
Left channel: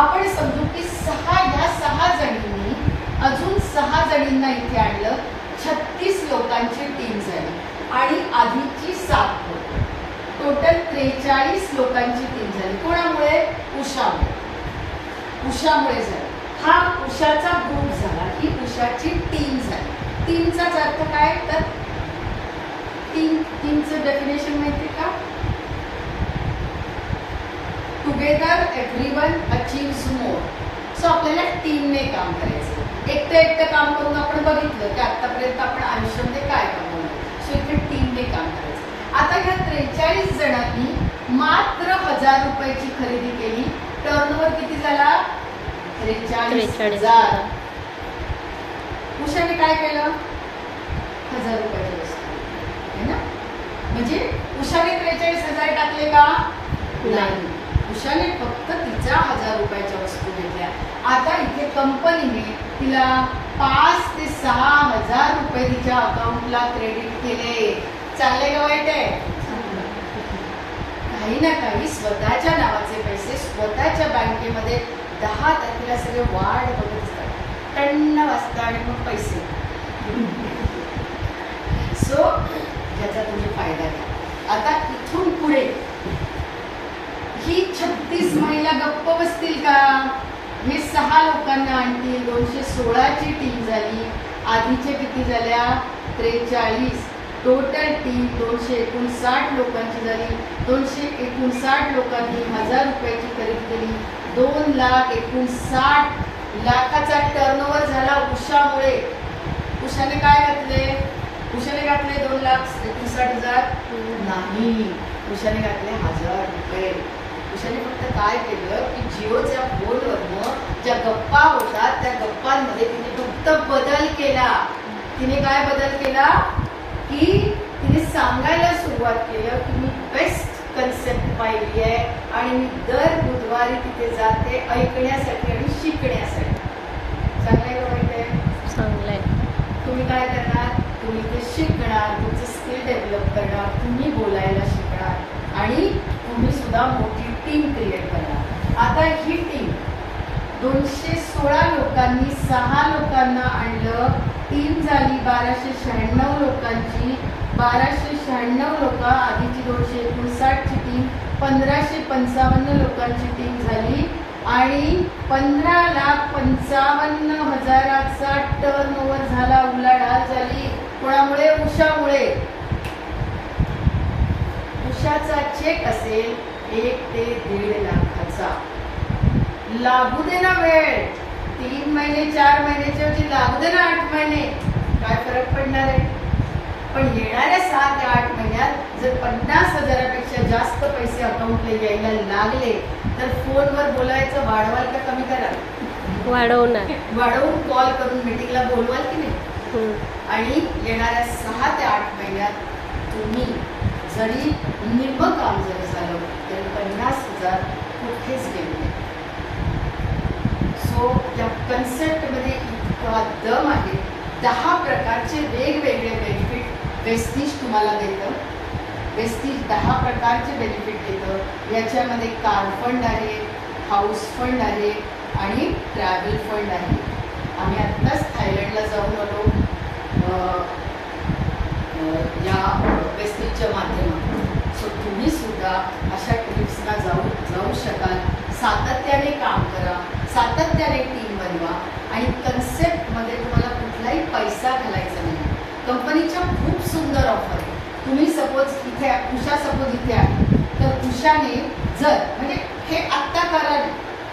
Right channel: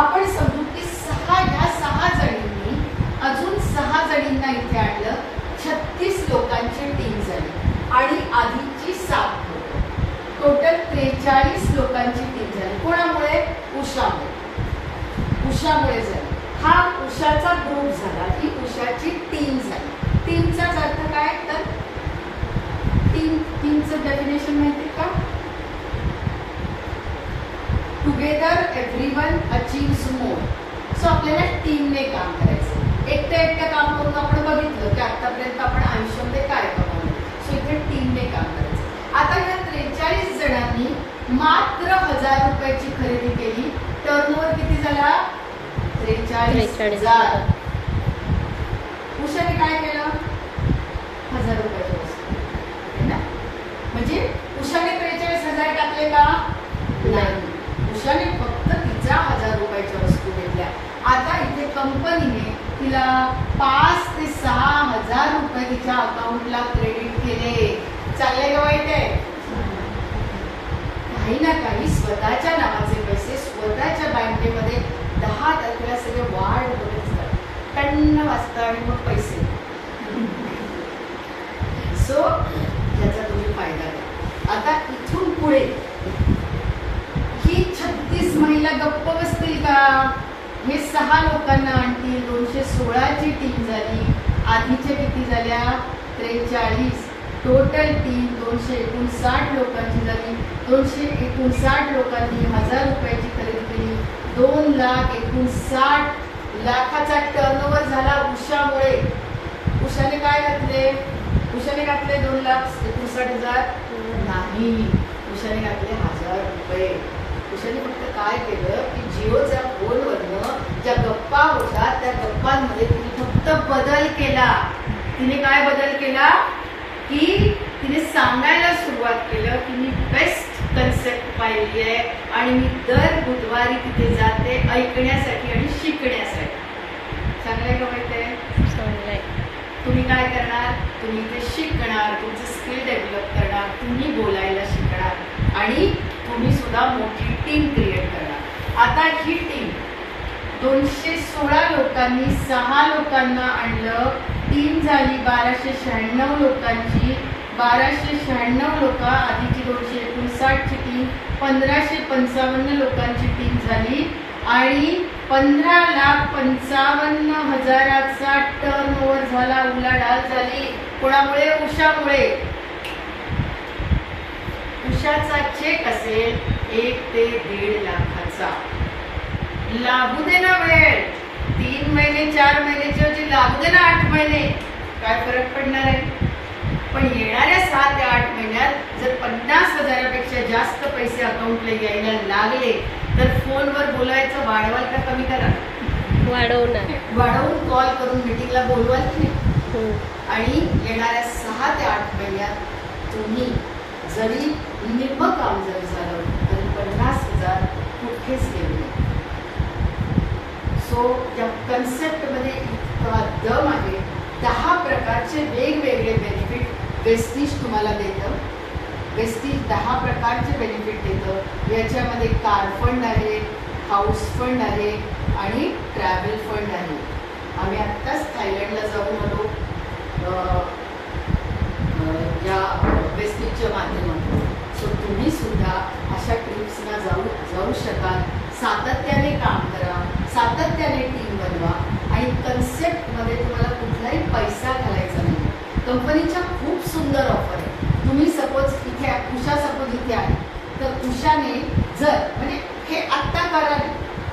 आपण समजू की ह्या 6 जणींनी अजून 6 जणींना इथे आणलं, 36 लोकांची टीम झाली आणि आधीची 7 लोक, टोटल 43 लोकांची टीम झाली. कोणामुळे? उषामुळे झाली. हा उषाचा ग्रुप झाला, ही उषाची टीम झाली. टीमचाच अर्थ काय? तर टीमचं डेफिनेशन माहिती का? टुगेदर एव्हरीवन अचीव्स मोर. सो आपल्याला टीमने काम करायचं. एकटं काम करून आपण बघितलं की आतापर्यंत आपण आयुष्यामध्ये काय कमावलं. सो इथे टीमने काम करायचं. आता ह्या 43 जणांनी मात्र 1,000 रुपयाची खरेदी केली. टर्नओव्हर किती झाला? 43,000. उषाने काय केलं? 1,000 रुपयाची वस्तू है ना. म्हणजे उषाने 43,000 टाकले का? नाही. उषाने फक्त तिच्या 1,000 रुपयाच्या वस्तू घेतल्या. आता इथे कंपनीने तिला 5 ते 6,000 रुपये तिच्या अकाउंटला क्रेडिट केले. चाललंय का वाईट आहे? काही ना काही स्वतःच्या नावाचे पैसे स्वतःच्या बँकेमध्ये 10 तारखेला सगळे वाढ बघत असतात. टन्न वाजता आणि मग पैसे. सो ह्याचा तुम्ही फायदा घ्या. आता इथून पुढे ही 36 महिला गप्प बसतील का? हे 6 लोकांना आणतील. 216ची टीम झाली. आधीचे किती झाल्या? 43. टोटल टीम 259 लोकांची झाली. 259 लोकांनी 1,000 रुपयाची खरेदी केली. 2,59,00,000चा टर्नओव्हर झाला उषामुळे. उषाने काय घातले? उषाने घातले 2,59,000 नाही, उषाने घातले 1,000 रुपये. उषाने फक्त काय केलं की जिओच्या फोनवरनं ज्या गप्पा होतात त्या गप्पांमध्ये तिने फक्त बदल केला. तिने काय बदल केला की तिने सांगायला सुरुवात केलं की मी बेस्ट कन्सेप्ट पाहिली आहे आणि मी दर बुधवारी तिथे जाते ऐकण्यासाठी आणि शिकण्यासाठी. चांगलंय का वाईट आहे? चांगलंय. तुम्ही काय करणार? तुम्ही ते शिकणार, तुमचं स्किल डेव्हलप करणार, तुम्ही बोलायला शिकणार आणि तुम्ही सुद्धा मोठी टीम क्रिएट करणार. आता ही टीम 216 लोकांनी 6 लोकांना आणलं. टीम झाली 1,296 लोकांची. 1,296 लोक, आधीची 259ची टीम 1,555 लोकांची टीम झाली आणि 15,55,000चा टर्नओव्हर झाला. उलाढाल झाली. कोणामुळे? उषामुळे. उषाचा चेक असेल 1 ते 1.5 लाखाचा. लागू दे ना वेळ, 3 महिने 4 महिन्याच्या ऐवजी लागू दे ना 8 महिने. काय फरक पडणार आहे? पण येणाऱ्या 7 ते 8 महिन्यात जर 50,000पेक्षा जास्त पैसे अकाउंटला यायला लागले तर फोनवर बोलायचं वाढवाल का कमी करा? वाढवणार. वाढवून कॉल करून मीटिंगला बोलवाल की नाही? आणि येणाऱ्या 6 ते 8 महिन्यात तुम्ही जरी निम्म काम जरी झालं तरी 50,000 कुठेच गेले. सो या कन्सेप्टमध्ये इतका दम आहे. 10 प्रकारचे वेगवेगळे बेनिफिट वेस्टिज तुम्हाला देतं. वेस्टिज 10 प्रकारचे बेनिफिट देतं. याच्यामध्ये कार फंड आहे, हाऊस फंड आहे आणि ट्रॅव्हल फंड आहे. आम्ही आत्ताच थायलंडला जाऊन आलो या वेस्टेजच्या माध्यमातून. सो तुम्ही सुद्धा अशा ट्रिप्सना जाऊ शकाल. सातत्याने काम करा, सातत्याने टीम बनवा आणि कन्सेप्टमध्ये तुम्हाला कुठलाही पैसा घालायचा नाही. कंपनीच्या खूप सुंदर ऑफर आहे. तुम्ही सपोज इथे उषा सपोज इथे आहे, तर उषाने जर म्हणजे हे आत्ता करा,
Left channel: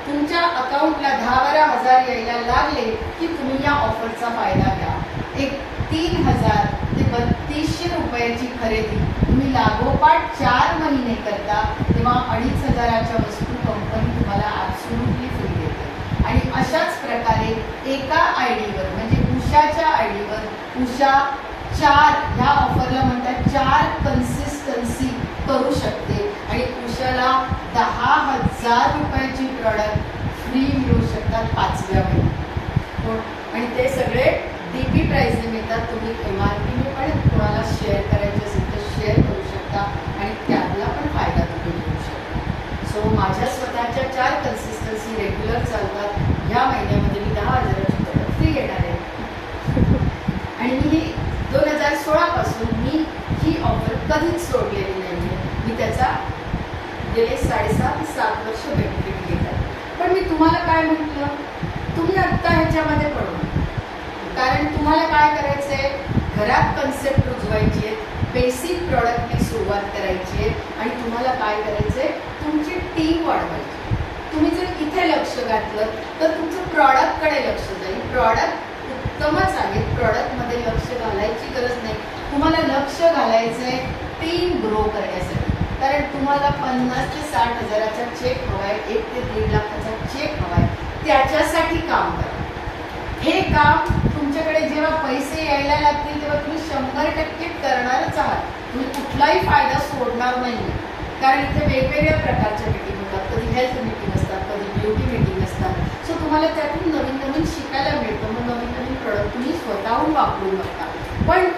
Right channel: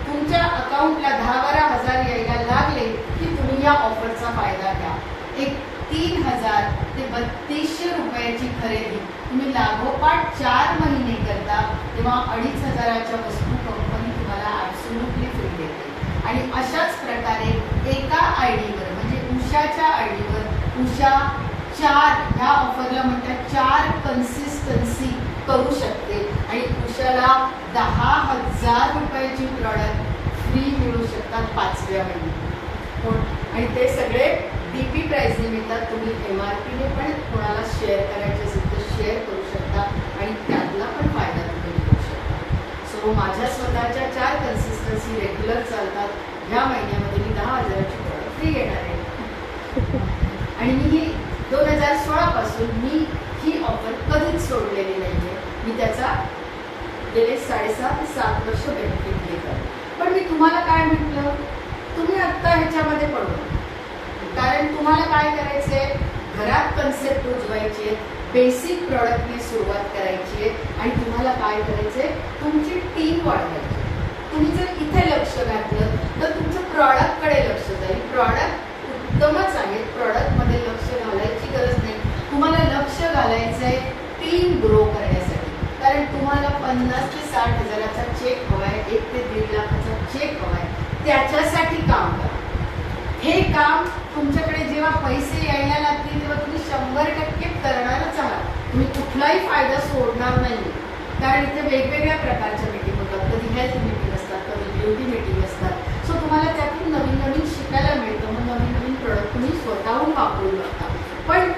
तुमच्या अकाउंटला 10-12 हजार यायला लागले की तुम्ही या ऑफरचा फायदा घ्या. एक 3000 ते 3200 रुपयाची खरेदी तुम्ही लागोपाठ 4 महिने करता तेव्हा 2500च्या वस्तू कंपनी तुम्हाला ॲब्सोल्युटली फ्री देते. आणि अशाच प्रकारे एका आयडीवर म्हणजे उषाच्या आयडीवर उषा 4 ह्या ऑफरला म्हणतात 4 कन्सिस्टन्सी करू शकते आणि उषाला 10,000 रुपयाची प्रॉडक्ट फ्री मिळू शकतात 5व्या महिन्यात. आणि ते सगळे DP प्राइसने मिळतात. तुम्ही MRPने पण कोणाला शेअर करायचे असेल तर शेअर करू शकता आणि त्यातला पण फायदा तुम्ही घेऊ शकता. सो माझ्या स्वतःच्या 4 कन्सिस्टन्सी रेग्युलर चालतात. ह्या महिन्यामध्ये मी 10,000ची प्रॉडक्ट फ्री येणार आहे. आणि मी 2016 पासून मी ही ऑफर कधीच सोडलेली नाही. मी त्याचा गेले 7.5 वर्ष बेनिफिट घेतात. पण मी तुम्हाला काय म्हटलं, तुम्ही आत्ता ह्याच्यामध्ये पडू. कारण तुम्हाला काय करायचंय, घरात कन्सेप्ट रुजवायचे, बेसिक प्रॉडक्टने सुरुवात करायची आणि तुम्हाला काय करायचंय, तुमची टीम वाढवायची. तुम्ही जर इथे लक्ष घातलं तर तुमचं प्रॉडक्टकडे लक्ष जाईल. प्रॉडक्ट उत्तमच आहे, प्रॉडक्टमध्ये लक्ष घालायची गरज नाही. तुम्हाला लक्ष घालायचंय टीम ग्रो करण्यासाठी. कारण तुम्हाला 50 ते 60 हजाराचा चेक हवाय, 1 ते 1.5 लाखाचा चेक हवाय, त्याच्यासाठी काम करा. हे काम तुमच्याकडे जेव्हा पैसे यायला लागतील तेव्हा तुम्ही 100% करणारच आहात. तुम्ही कुठलाही फायदा सोडणार नाही. कारण इथे वेगवेगळ्या प्रकारच्या मीटिंग होतात. कधी हेल्थ मीटिंग असतात, कधी ब्युटी मीटिंग असतात. सो तुम्हाला त्यातून नवीन नवीन शिकायला मिळतं. मग नवीन नवीन प्रोडक्ट तुम्ही स्वतःहून वापरून बघता. पण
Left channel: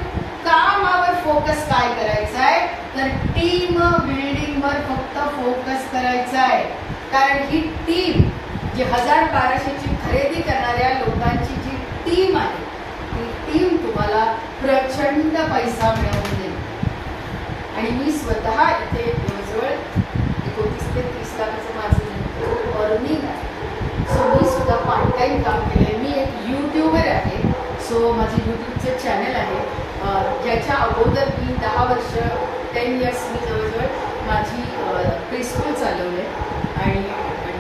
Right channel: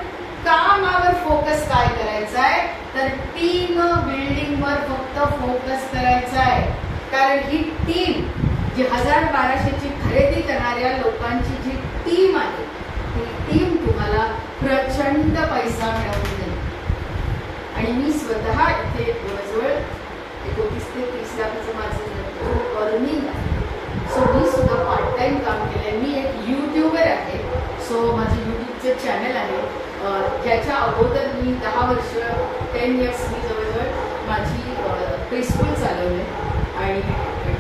कामावर फोकस काय करायचा आहे, तर टीम बिल्डिंगवर फक्त फोकस करायचा आहे. कारण ही टीम जी 1000-1200ची खरेदी करणाऱ्या लोकांची जी टीम आहे, ती टीम तुम्हाला प्रचंड पैसा मिळवून देईल. आणि मी स्वतः इथे जवळजवळ 29 ते 30 लाखाचं माझं अर्निंग आहे. सो मी सुद्धा पार्ट टाइम काम केलंय. मी एक यूट्यूबर आहे. सो माझे यूट्यूबचं चॅनल आहे, ज्याच्या अगोदर मी 10 वर्ष 10 इयर्स मी जवळजवळ माझी प्रीस्कूल चालवले आणि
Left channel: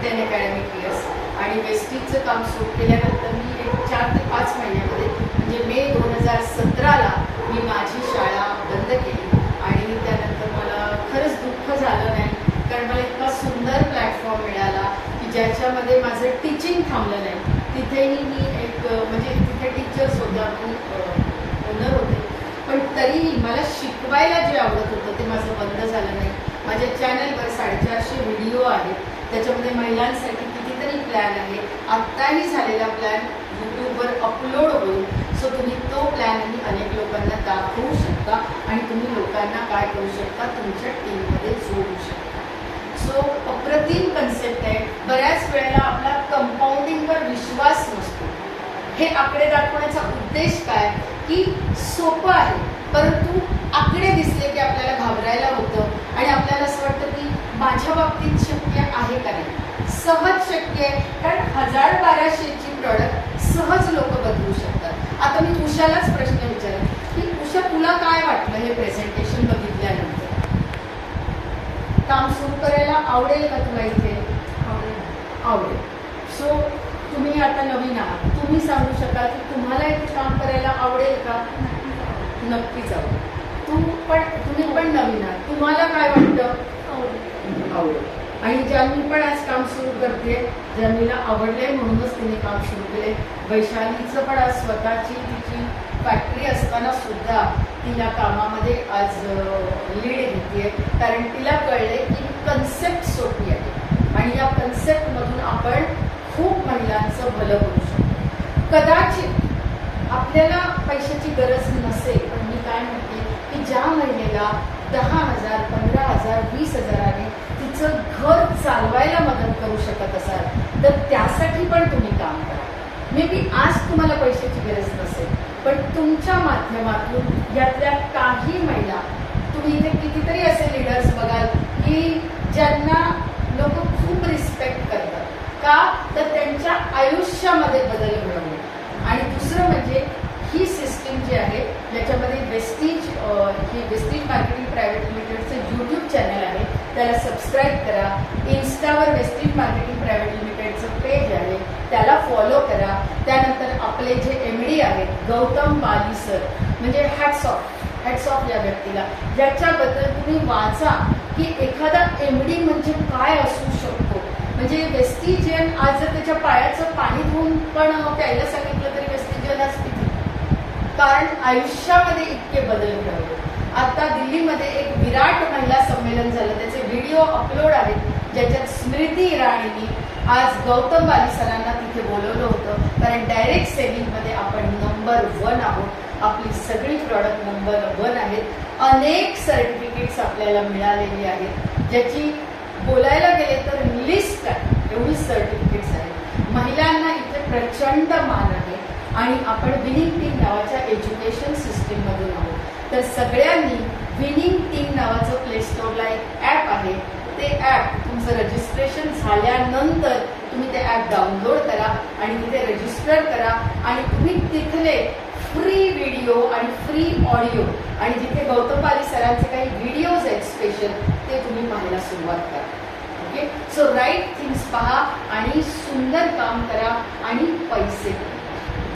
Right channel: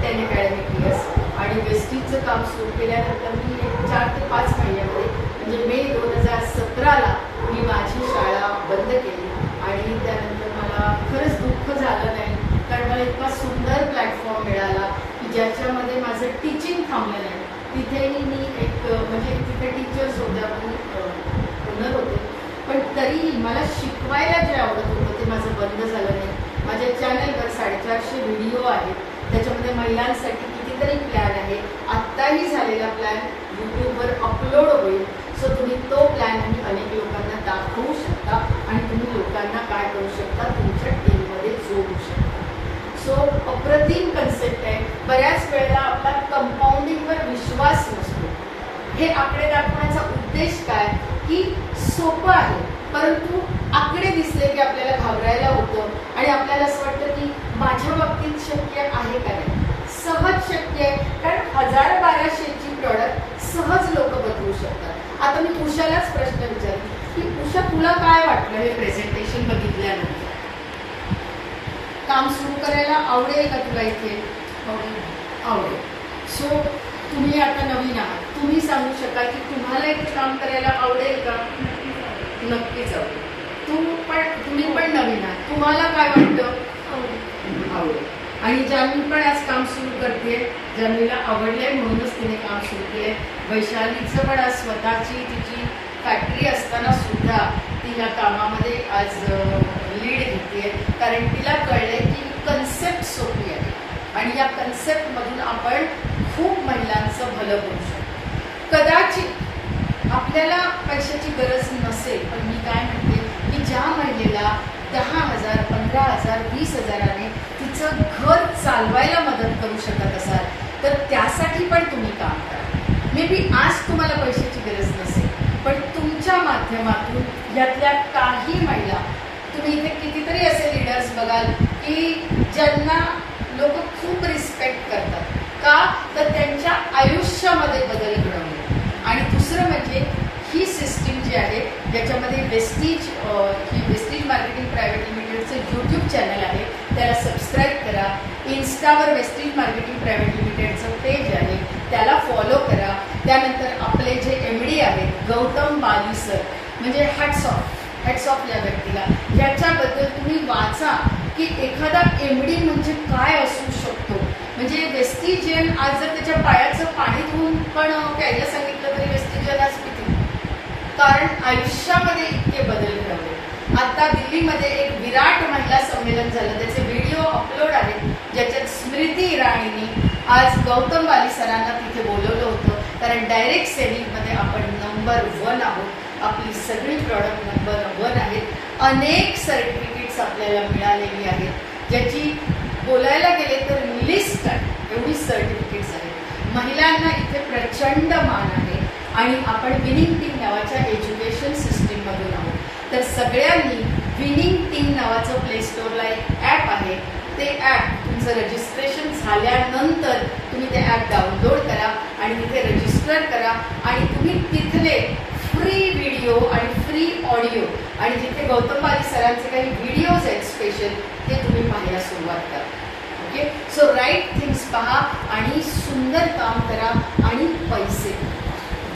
10 अकॅडमिक इयर्स. आणि वेस्टीजचं काम सुरू केल्यानंतर मी एक 4 ते 5 महिन्यामध्ये म्हणजे मे 2017ला मी माझी शाळा बंद केली. आणि त्यानंतर मला खरंच दुःख झालं नाही, कारण मला इतका सुंदर प्लॅटफॉर्म मिळाला की ज्याच्यामध्ये माझं टीचिंग थांबलं नाही. तिथेही मी एक म्हणजे तिथे टीचर्स होत्या, मी ओनर होते, पण तरीही मला शिकवायला जे आवडत होतं ते माझं बंद झालं नाही. माझ्या चॅनलवर 450 व्हिडिओ आहेत. त्याच्यामध्ये महिलांसाठी कितीतरी प्लॅन आहे. आत्ताही झालेला प्लॅन यूट्यूबवर अपलोड होईल. सो तुम्ही तो प्लॅन आणि अनेक लोकांना दाखवू शकता आणि तुम्ही लोकांना काय करू शकता, तुमच्या टीममध्ये जोडू शकता. सो अप्रतिम कन्सेप्ट आहे. बऱ्याच वेळेला आपला कंपाऊंडिंगवर विश्वास नसतो. हे आकडे दाखवण्याचा उद्देश काय की सोपं आहे, परंतु आकडे दिसले की आपल्याला घाबरायला होतं आणि आपल्याला असं वाटतं की माझ्या बाबतीत शक्य आहे का नाही. सहज शक्य आहे, कारण 1000-1200ची प्रॉडक्ट सहज लोक बदलू शकतात. आता मी उषालाच प्रश्न विचारेन की उषा, तुला काय वाटलं हे प्रेझेंटेशन बघितल्यानंतर? काम सुरू करायला आवडेल का तुला इथे? आवडेल. सो तुम्ही आता नवीन आहात, तुम्ही सांगू शकाल की तुम्हाला इथे काम करायला आवडेल का? नक्कीच आवडेल. तुम्ही पण नवीन आहात, तुम्हाला काय वाटतं? आवडेल. आणि जान्हवी पण आज काम सुरू करते. जान्हवीला आवडले म्हणूनच तिने काम सुरू केले. वैशालीचं पण आज स्वतःची तिची फॅक्टरी असताना सुद्धा ती या कामामध्ये आज लीड घेते, कारण तिला कळले की कन्सेप्ट सोपी आहे आणि या कन्सेप्टमधून आपण खूप महिलांचं भलं करू शकतो. कदाचित आपल्याला पैशाची गरज नसेल, पण मी काय म्हणते की ज्या महिलेला 10,000, 15,000, 20,000ने तिचं घर चालवायला मदत करू शकत असाल तर त्यासाठी पण तुम्ही काम करा. मे बी आज तुम्हाला पैशाची गरज नसेल, पण तुमच्या माध्यमातून यातल्या काही महिला, तुम्ही इथे कितीतरी असे लीडर्स बघाल की ज्यांना लोक खूप रिस्पेक्ट करतात. का तर त्यांच्या आयुष्यामध्ये बदल घडवणे. आणि दुसरं म्हणजे ही सिस्टीम जी आहे ज्याच्यामध्ये वेस्टीज ही वेस्टीज मार्केटिंग प्रायव्हेट लिमिटेडचं यूट्यूब चॅनल आहे, त्याला सबस्क्राईब करा. इन्स्टावर वेस्टीज मार्केटिंग प्रायव्हेट लिमिटेडचं पेज आहे, त्याला फॉलो करा. त्यानंतर आपले जे MD आहेत गौतम बाली सर, म्हणजे हॅट्स ऑफ या व्यक्तीला. याच्याबद्दल तुम्ही वाचा की एखादा MD म्हणजे काय असू शकतो. म्हणजे वेस्टिजियन आज जर त्याच्या पायाचं पाणी धुवून पण प्यायला सांगितलं तरी वेस्टिजियन आज पितील, कारण आयुष्यामध्ये इतके बदल घडले. आता दिल्लीमध्ये एक विराट महिला संमेलन झालं, त्याचे व्हिडिओ अपलोड आहेत, ज्याच्यात स्मृती इराणींनी आज गौतम बाली सरांना तिथे बोलवलं होतं. कारण डायरेक्ट सेलिंगमध्ये आपण नंबर 1 आहोत. आपली सगळी प्रॉडक्ट नंबर 1 आहेत. अनेक सर्टिफिकेट्स आपल्याला मिळालेली आहेत, ज्याची बोलायला गेले तर लिस्ट आहे, एवढी सर्टिफिकेट्स आहेत. महिलांना इथे प्रचंड मान आहे आणि आपण विनिंग टीम नावाच्या एज्युकेशन सिस्टीममधून आहोत. तर सगळ्यांनी विनिंग टीम नावाचं प्ले स्टोअरला एक ॲप आहे, ते ॲप तुमचं रजिस्ट्रेशन झाल्यानंतर तुम्ही ते ॲप डाउनलोड करा आणि तिथे रजिस्टर करा आणि तुम्ही तिथले फ्री व्हिडिओ आणि फ्री ऑडिओ आणि जिथे गौतम बाली सरांचे काही व्हिडिओज आहेत स्पेशल, ते तुम्ही पाहायला सुरुवात करा. ओके, सो राईट थिंग्स पहा आणि सुंदर काम करा आणि पैसे